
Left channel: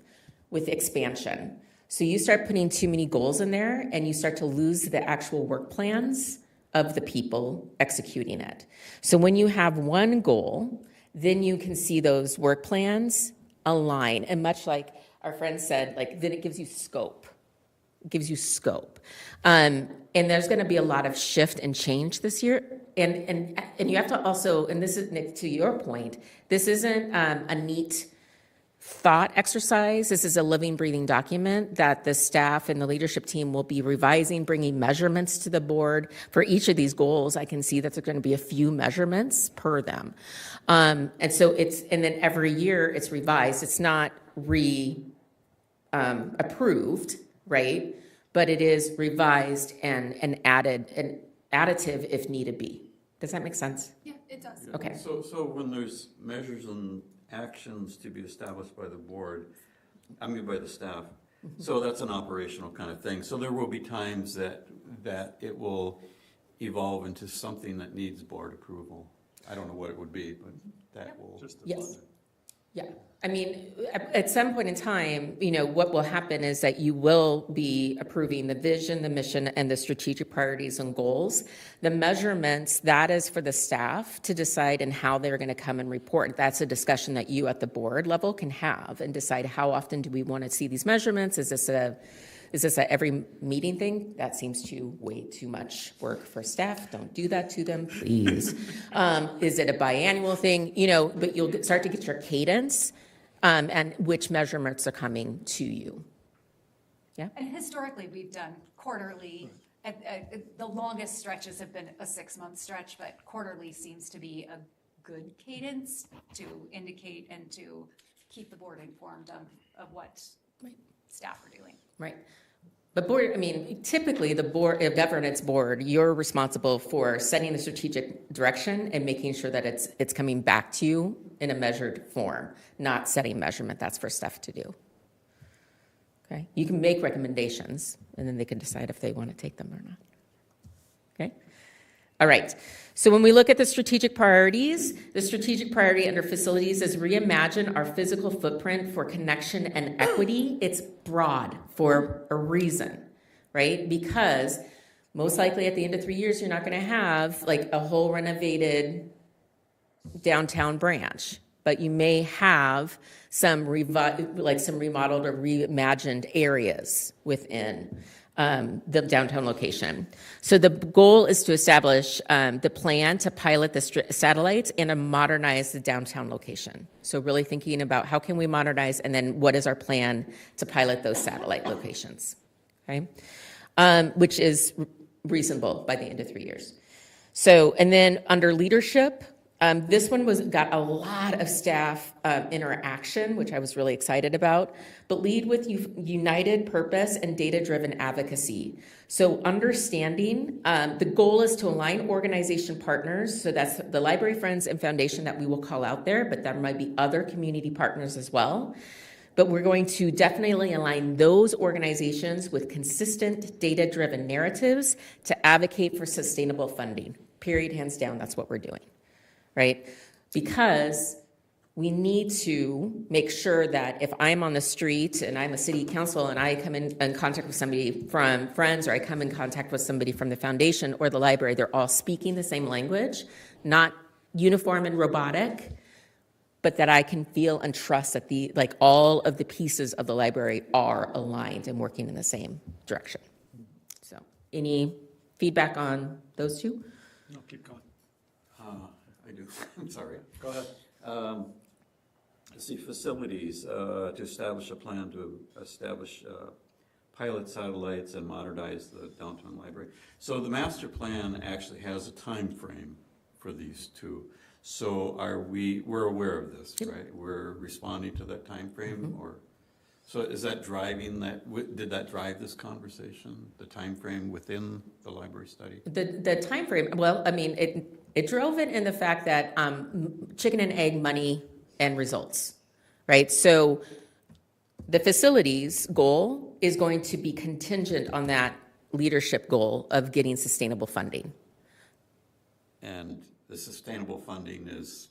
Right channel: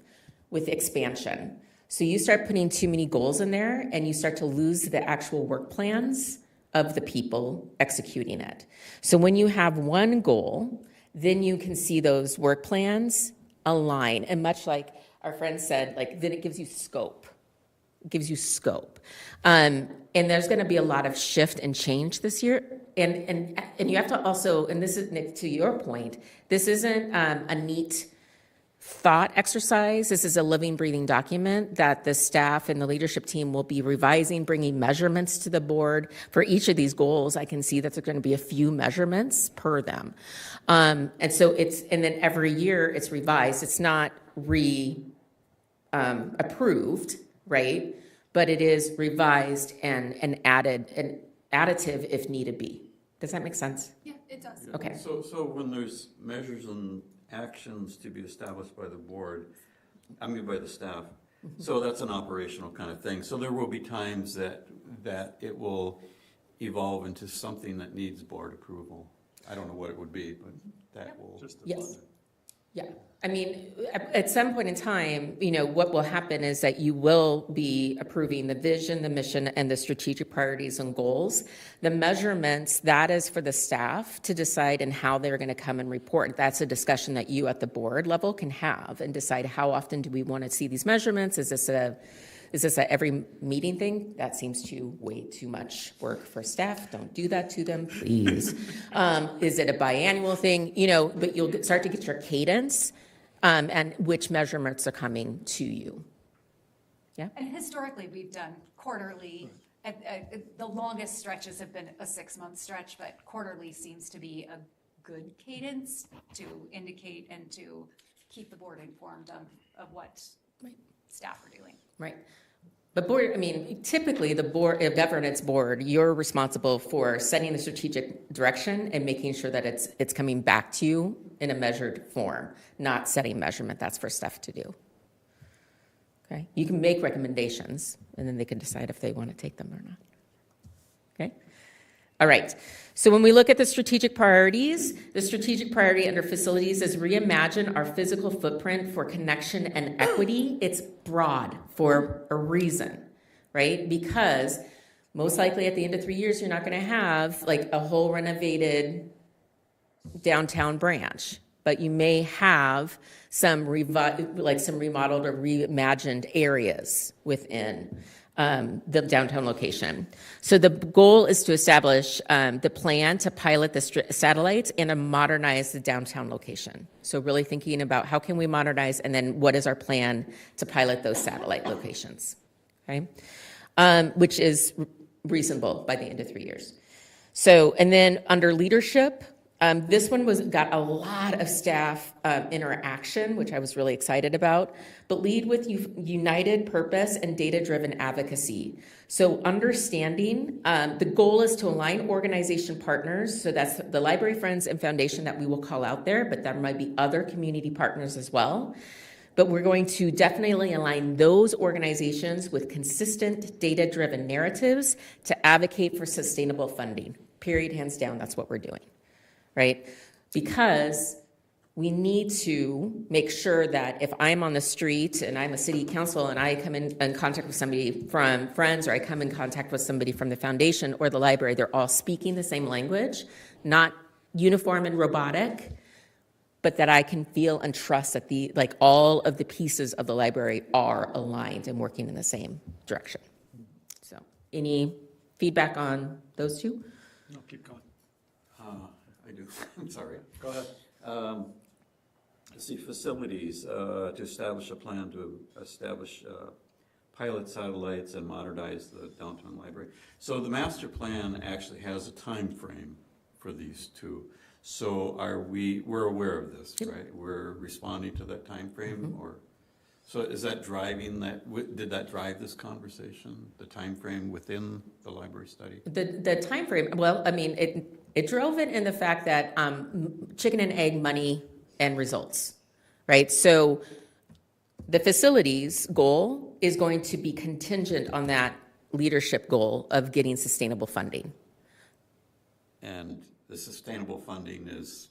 with expansion. So you start putting too many goals in there and you start to lose the actual work plans of the people executing it. So when you have one goal, then you can see those work plans align. And much like our friend said, like, then it gives you scope. It gives you scope. And there's going to be a lot of shift and change this year. And you have to also, and this is, Nick, to your point, this isn't a neat thought exercise. This is a living, breathing document that the staff and the leadership team will be revising, bringing measurements to the board. For each of these goals, I can see that there's going to be a few measurements per them. And so and then every year it's revised. It's not approved, right? But it is revised and added, and additive if needed be. Does that make sense? Yeah, it does. Okay. So when there's measures and actions to be established by the board, by the staff, so that's an operational kind of thing. So there will be times that it will evolve into something that needs board approval. I don't know what it would be, but that will. Just the Yes. budget. Yeah, I mean, at some point in time, what will happen is that you will be approving the vision, the mission, and the strategic priorities and goals. The measurements, that is for the staff to decide and how they're going to come and report. That's a discussion that you at the board level can have and decide how often do we want to see these measurements? Is this a every meeting thing? That seems way too much work for staff. Don't do that to them, please. Is it a biannual thing? But you'll start to get your cadence and which measurements are coming to you. Yeah. And historically, we've done quarterly. The longest stretches have been a 6-month stretch, but quarterly seems to be a good cadence to indicate and to keep the board informed of what staff are doing. Right. But typically the governance board, you're responsible for setting the strategic direction and making sure that it's coming back to you in a measured form, not setting measurement. That's for staff to do. Okay. You can make recommendations and then they can decide if they want to take them or not. Okay. All right. So when we look at the strategic priorities, the strategic priority under facilities is reimagine our physical footprint for connection and equity. It's broad for a reason, right? Because most likely at the end of 3 years, you're not going to have like a whole renovated downtown branch, but you may have some remodeled or reimagined areas within the downtown location. So the goal is to establish the plan to pilot the satellites and to modernize the downtown location. So really thinking about how can we modernize and then what is our plan to pilot those satellite locations, okay? Which is reasonable by the end of 3 years. So, and then under leadership, this one got a lot of staff interaction, which I was really excited about, but lead with united purpose and data-driven advocacy. So understanding, the goal is to align organization partners, so that's the library friends and foundation that we will call out there, but there might be other community partners as well. But we're going to definitely align those organizations with consistent data-driven narratives to advocate for sustainable funding. Period, hands down, that's what we're doing. Right? Because we need to make sure that if I'm on the street and I'm a city council and I come in contact with somebody from Friends or I come in contact with somebody from the foundation or the library, they're all speaking the same language, not uniform and robotic, but that I can feel and trust that all of the pieces of the library are aligned and working in the same direction. So, any feedback on those two? No, keep going. I do. I'm sorry. Go ahead. Let's see, facilities, to establish a plan to establish pilot satellites and modernize the downtown library. So the master plan actually has a time frame for these two. So we're aware of this, right? We're responding to that time frame, or so is that driving that? Did that drive this conversation? The time frame within the library study? The time frame. Well, it drove it in the fact that chicken and egg, money and results, right? So the facilities goal is going to be contingent on that leadership goal of getting sustainable funding. And the sustainable funding is,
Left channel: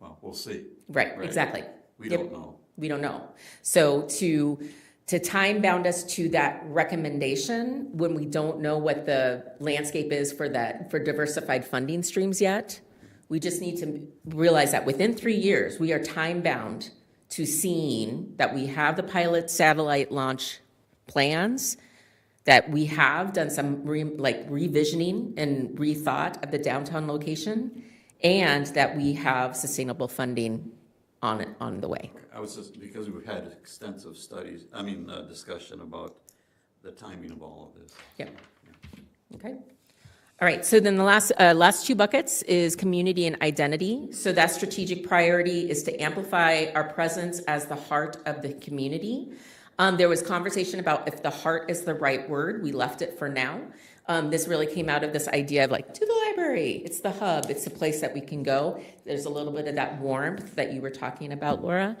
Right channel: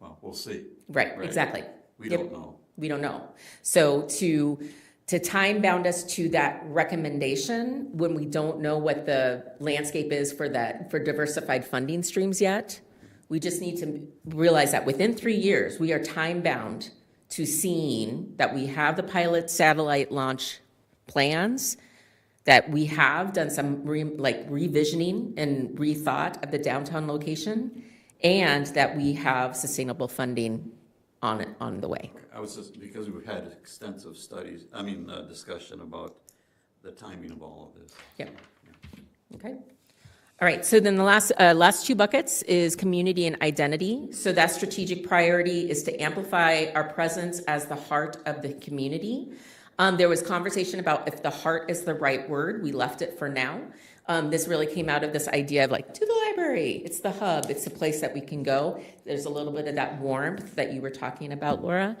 well, we'll see. Right, exactly. We Yep. don't know. We don't know. So to time bound us to that recommendation when we don't know what the landscape is for diversified funding streams yet, we just need to realize that within 3 years, we are time bound to seeing that we have the pilot satellite launch plans, that we have done some revisioning and rethought of the downtown location, and that we have sustainable funding on the way. I was just, because we've had extensive discussion about the timing of all of this. Yep. Okay. All right, so then the last two buckets is community and identity. So that strategic priority is to amplify our presence as the heart of the community. There was conversation about if the heart is the right word. We left it for now. This really came out of this idea of to the library. It's the hub. It's the place that we can go. There's a little bit of that warmth that you were talking about, Laura.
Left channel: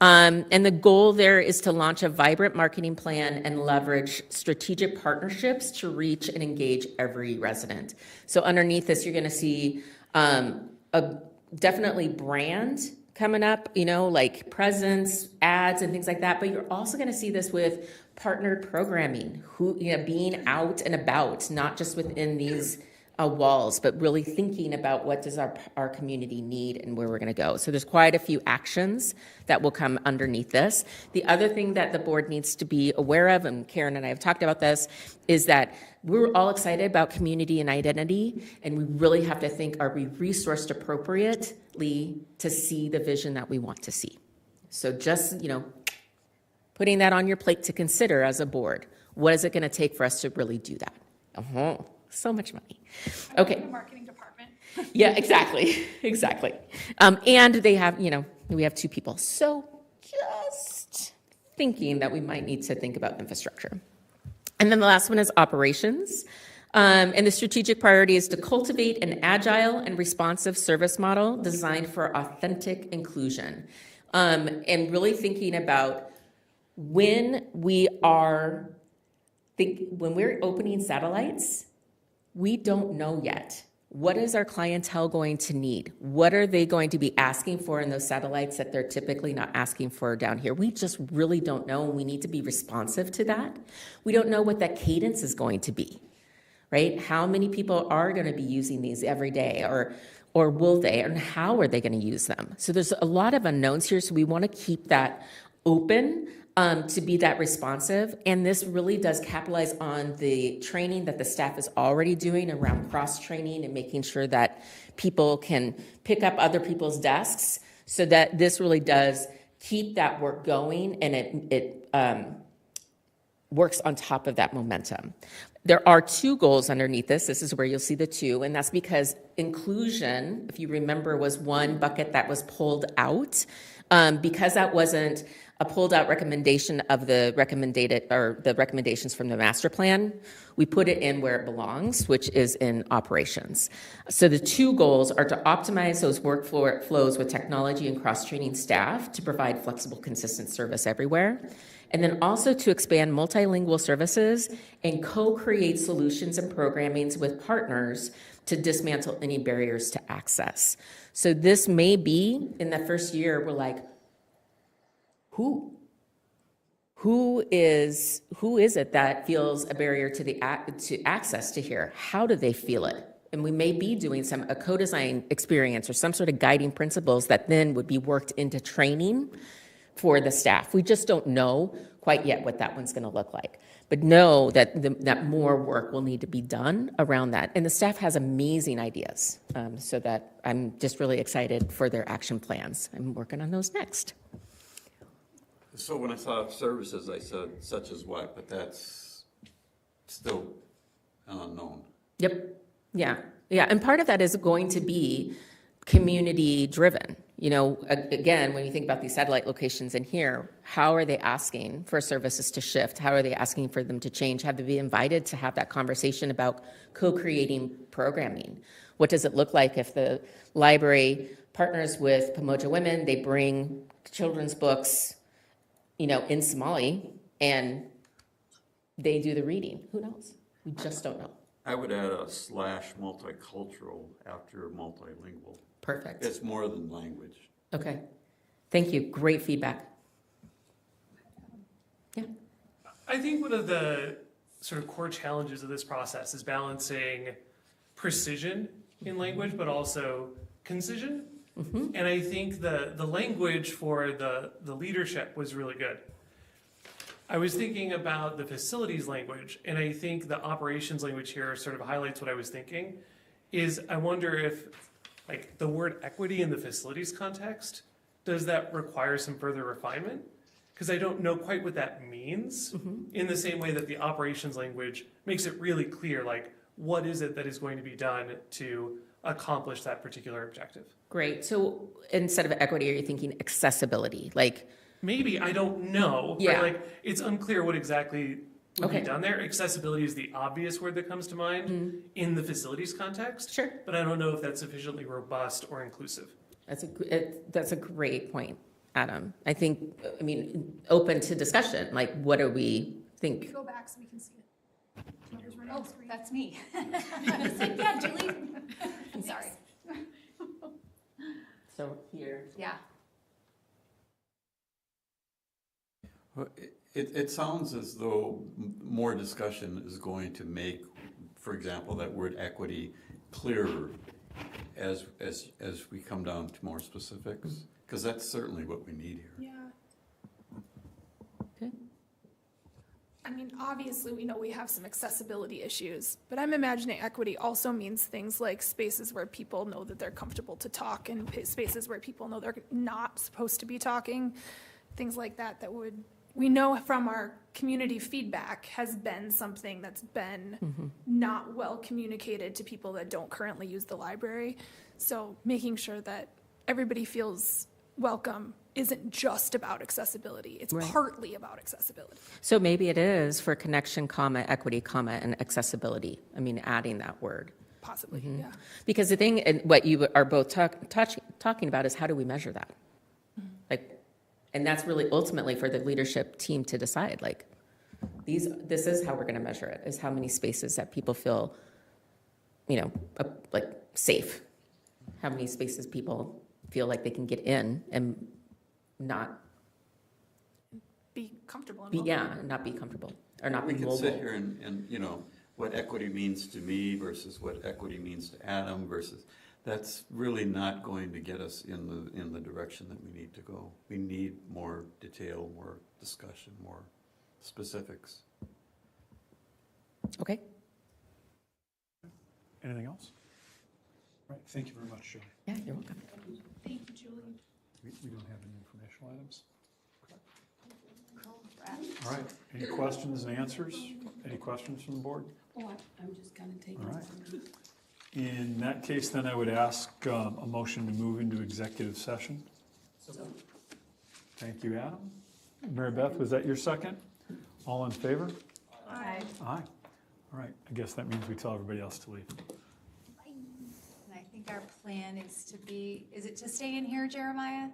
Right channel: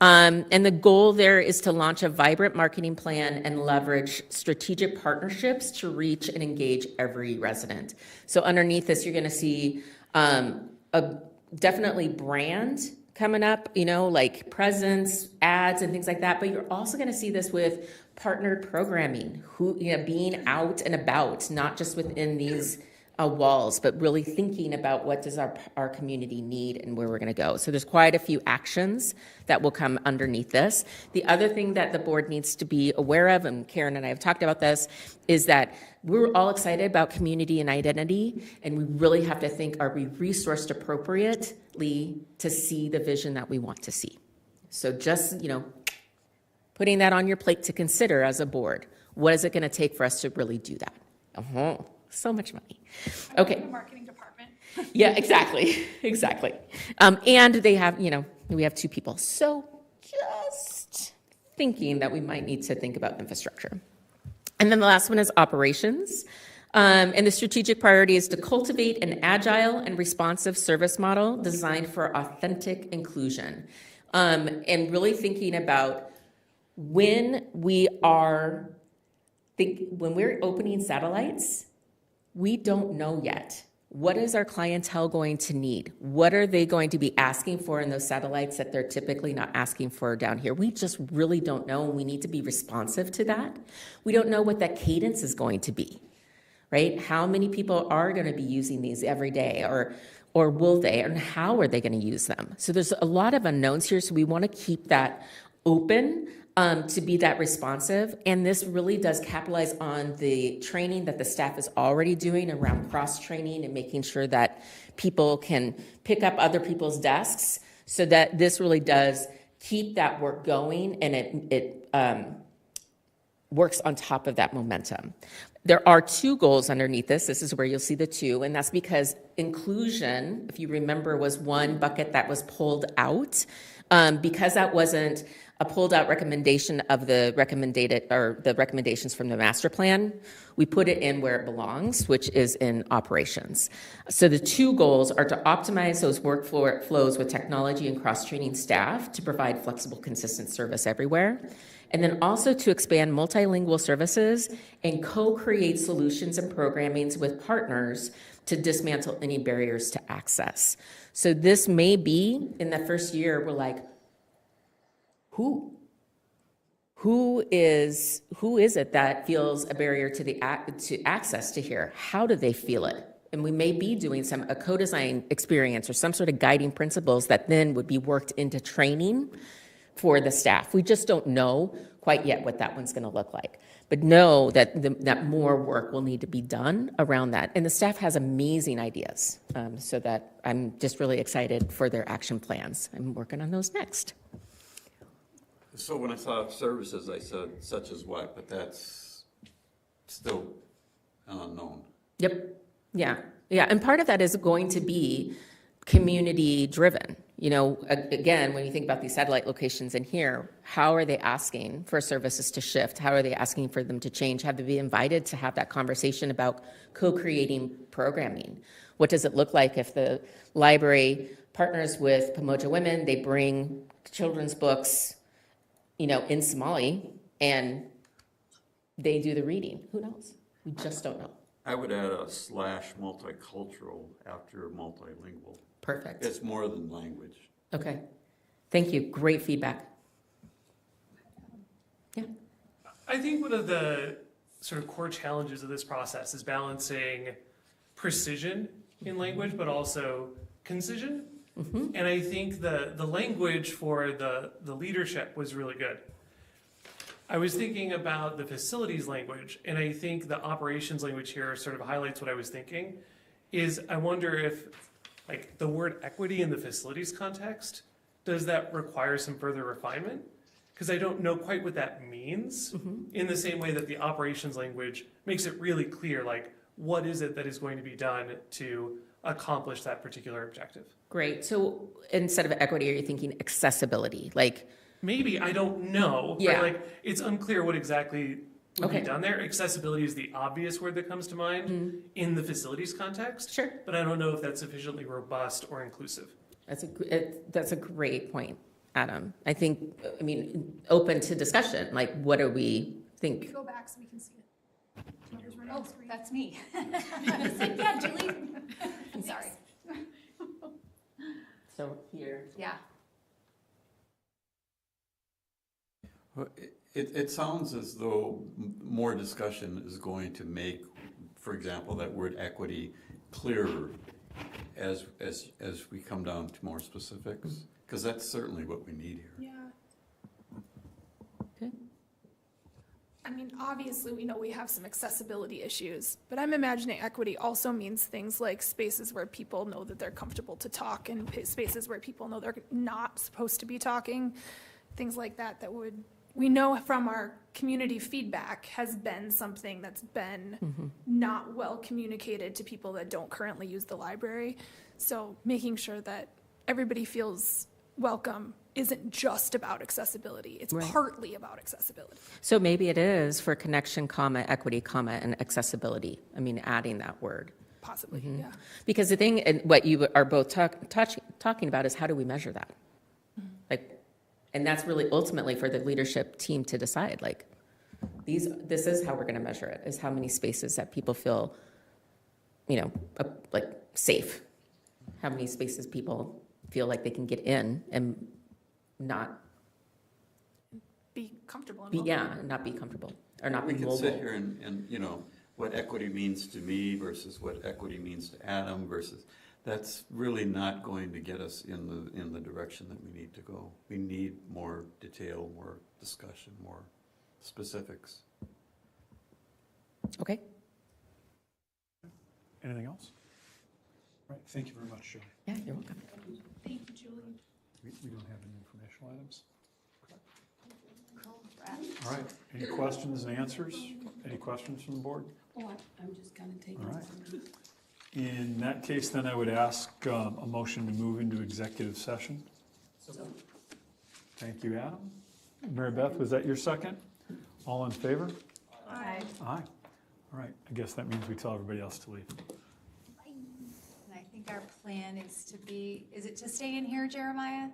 And the goal there is to launch a vibrant marketing plan and leverage strategic partnerships to reach and engage every resident. So underneath this, you're going to see definitely brand coming up, like presence, ads, and things like that. But you're also going to see this with partnered programming, being out and about, not just within these walls, but really thinking about what does our community need and where we're going to go. So there's quite a few actions that will come underneath this. The other thing that the board needs to be aware of, and Karen and I have talked about this, is that we're all excited about community and identity, and we really have to think, are we resourced appropriately to see the vision that we want to see? So just, putting that on your plate to consider as a board. What is it going to take for us to really do that? So much money. Okay. The marketing department. Yeah, exactly. Exactly. And they have, we have two people. So just thinking that we might need to think about infrastructure. And then the last one is operations. And the strategic priority is to cultivate an agile and responsive service model designed for authentic inclusion. And really thinking about when we're opening satellites, we don't know yet. What is our clientele going to need? What are they going to be asking for in those satellites that they're typically not asking for down here? We just really don't know, and we need to be responsive to that. We don't know what that cadence is going to be, right? How many people are going to be using these every day, or will they, and how are they going to use them? So there's a lot of unknowns here, so we want to keep that open to be that responsive. And this really does capitalize on the training that the staff is already doing around cross-training and making sure that people can pick up other people's desks, so that this really does keep that work going, and it works on top of that momentum. There are two goals underneath this. This is where you'll see the two, and that's because inclusion, if you remember, was one bucket that was pulled out. Because that wasn't a pulled out recommendation of the recommendations from the master plan, we put it in where it belongs, which is in operations. So the two goals are to optimize those workflows with technology and cross-training staff to provide flexible, consistent service everywhere. And then also to expand multilingual services and co-create solutions and programmings with partners to dismantle any barriers to access. So this may be, in the first year, we're like, who is it that feels a barrier to access to here? How do they feel it? And we may be doing a co-design experience or some sort of guiding principles that then would be worked into training for the staff. We just don't know quite yet what that one's going to look like. But know that that more work will need to be done around that. And the staff has amazing ideas, so that I'm just really excited for their action plans. I'm working on those next. So when I saw services, I said such as what, but that's still an unknown. Yep. Yeah. And part of that is going to be community driven. Again, when you think about these satellite locations in here, how are they asking for services to shift? How are they asking for them to change? Have they been invited to have that conversation about co-creating programming? What does it look like if the library partners with Pamoja Women, they bring children's books, in Somali, and they do the reading. Who knows? We just don't know. I would add a / multicultural after multilingual. Perfect. It's more than language. Okay. Thank you. Great feedback. Yeah. I think one of the sort of core challenges of this process is balancing precision in language, but also concision. And I think the language for the leadership was really good. I was thinking about the facilities language, and I think the operations language here sort of highlights what I was thinking, is I wonder if, like, the word equity in the facilities context, does that require some further refinement? Because I don't know quite what that means, in the same way that the operations language makes it really clear, like, what is it that is going to be done to accomplish that particular objective? Great. So instead of equity, are you thinking accessibility? Like, Maybe, I don't know. Yeah. Right? Like, it's unclear what exactly would Okay. be done there. Accessibility is the obvious word that comes to mind in the facilities context. Sure. But I don't know if that's sufficiently robust or inclusive. that's a great point, Adam. I think, I mean, open to discussion. Like, what do we think? Go back so we can see it. Whoever's running Oh, the screen. that's me. I was like, yeah, Julie. Sorry. So here. Yeah. Well, it sounds as though more discussion is going to make, for example, that word equity clearer as we come down to more specifics, because that's certainly what we need here. Yeah. Okay. I mean, obviously, we know we have some accessibility issues, but I'm imagining equity also means things like spaces where people know that they're comfortable to talk and spaces where people know they're not supposed to be talking, things like that, that would, we know from our community feedback has been something that's been not well communicated to people that don't currently use the library. So making sure that everybody feels welcome isn't just about accessibility. It's Right. partly about accessibility. So maybe it is for connection, comma, equity, comma, and accessibility. I mean, adding that word. Possibly, yeah. Because the thing, and what you are both talking about is how do we measure that? Like, and that's really ultimately for the leadership team to decide, like, this is how we're going to measure it, is how many spaces that people feel, like safe. How many spaces people feel like they can get in and not Be comfortable. And be, welcome. not be comfortable or not We be can mobile. sit here and, what equity means to me versus what equity means to Adam versus, that's really not going to get us in the direction that we need to go. We need more detail, more discussion, more specifics. Okay. Anything else? All right, thank you very much, Joe. Yeah, you're welcome. Thank you, Julie. We don't have any informational items. Correct. All right, any questions and answers? Any questions from the board? Oh, I'm just kind of taking All right. In that case, then I would ask a motion to move into executive session. Thank you, Adam. Mary Beth, was that your second? All in favor? Aye. Aye. All right, I guess that means we tell everybody else to leave. And I think our plan is to be, is it to stay in here, Jeremiah?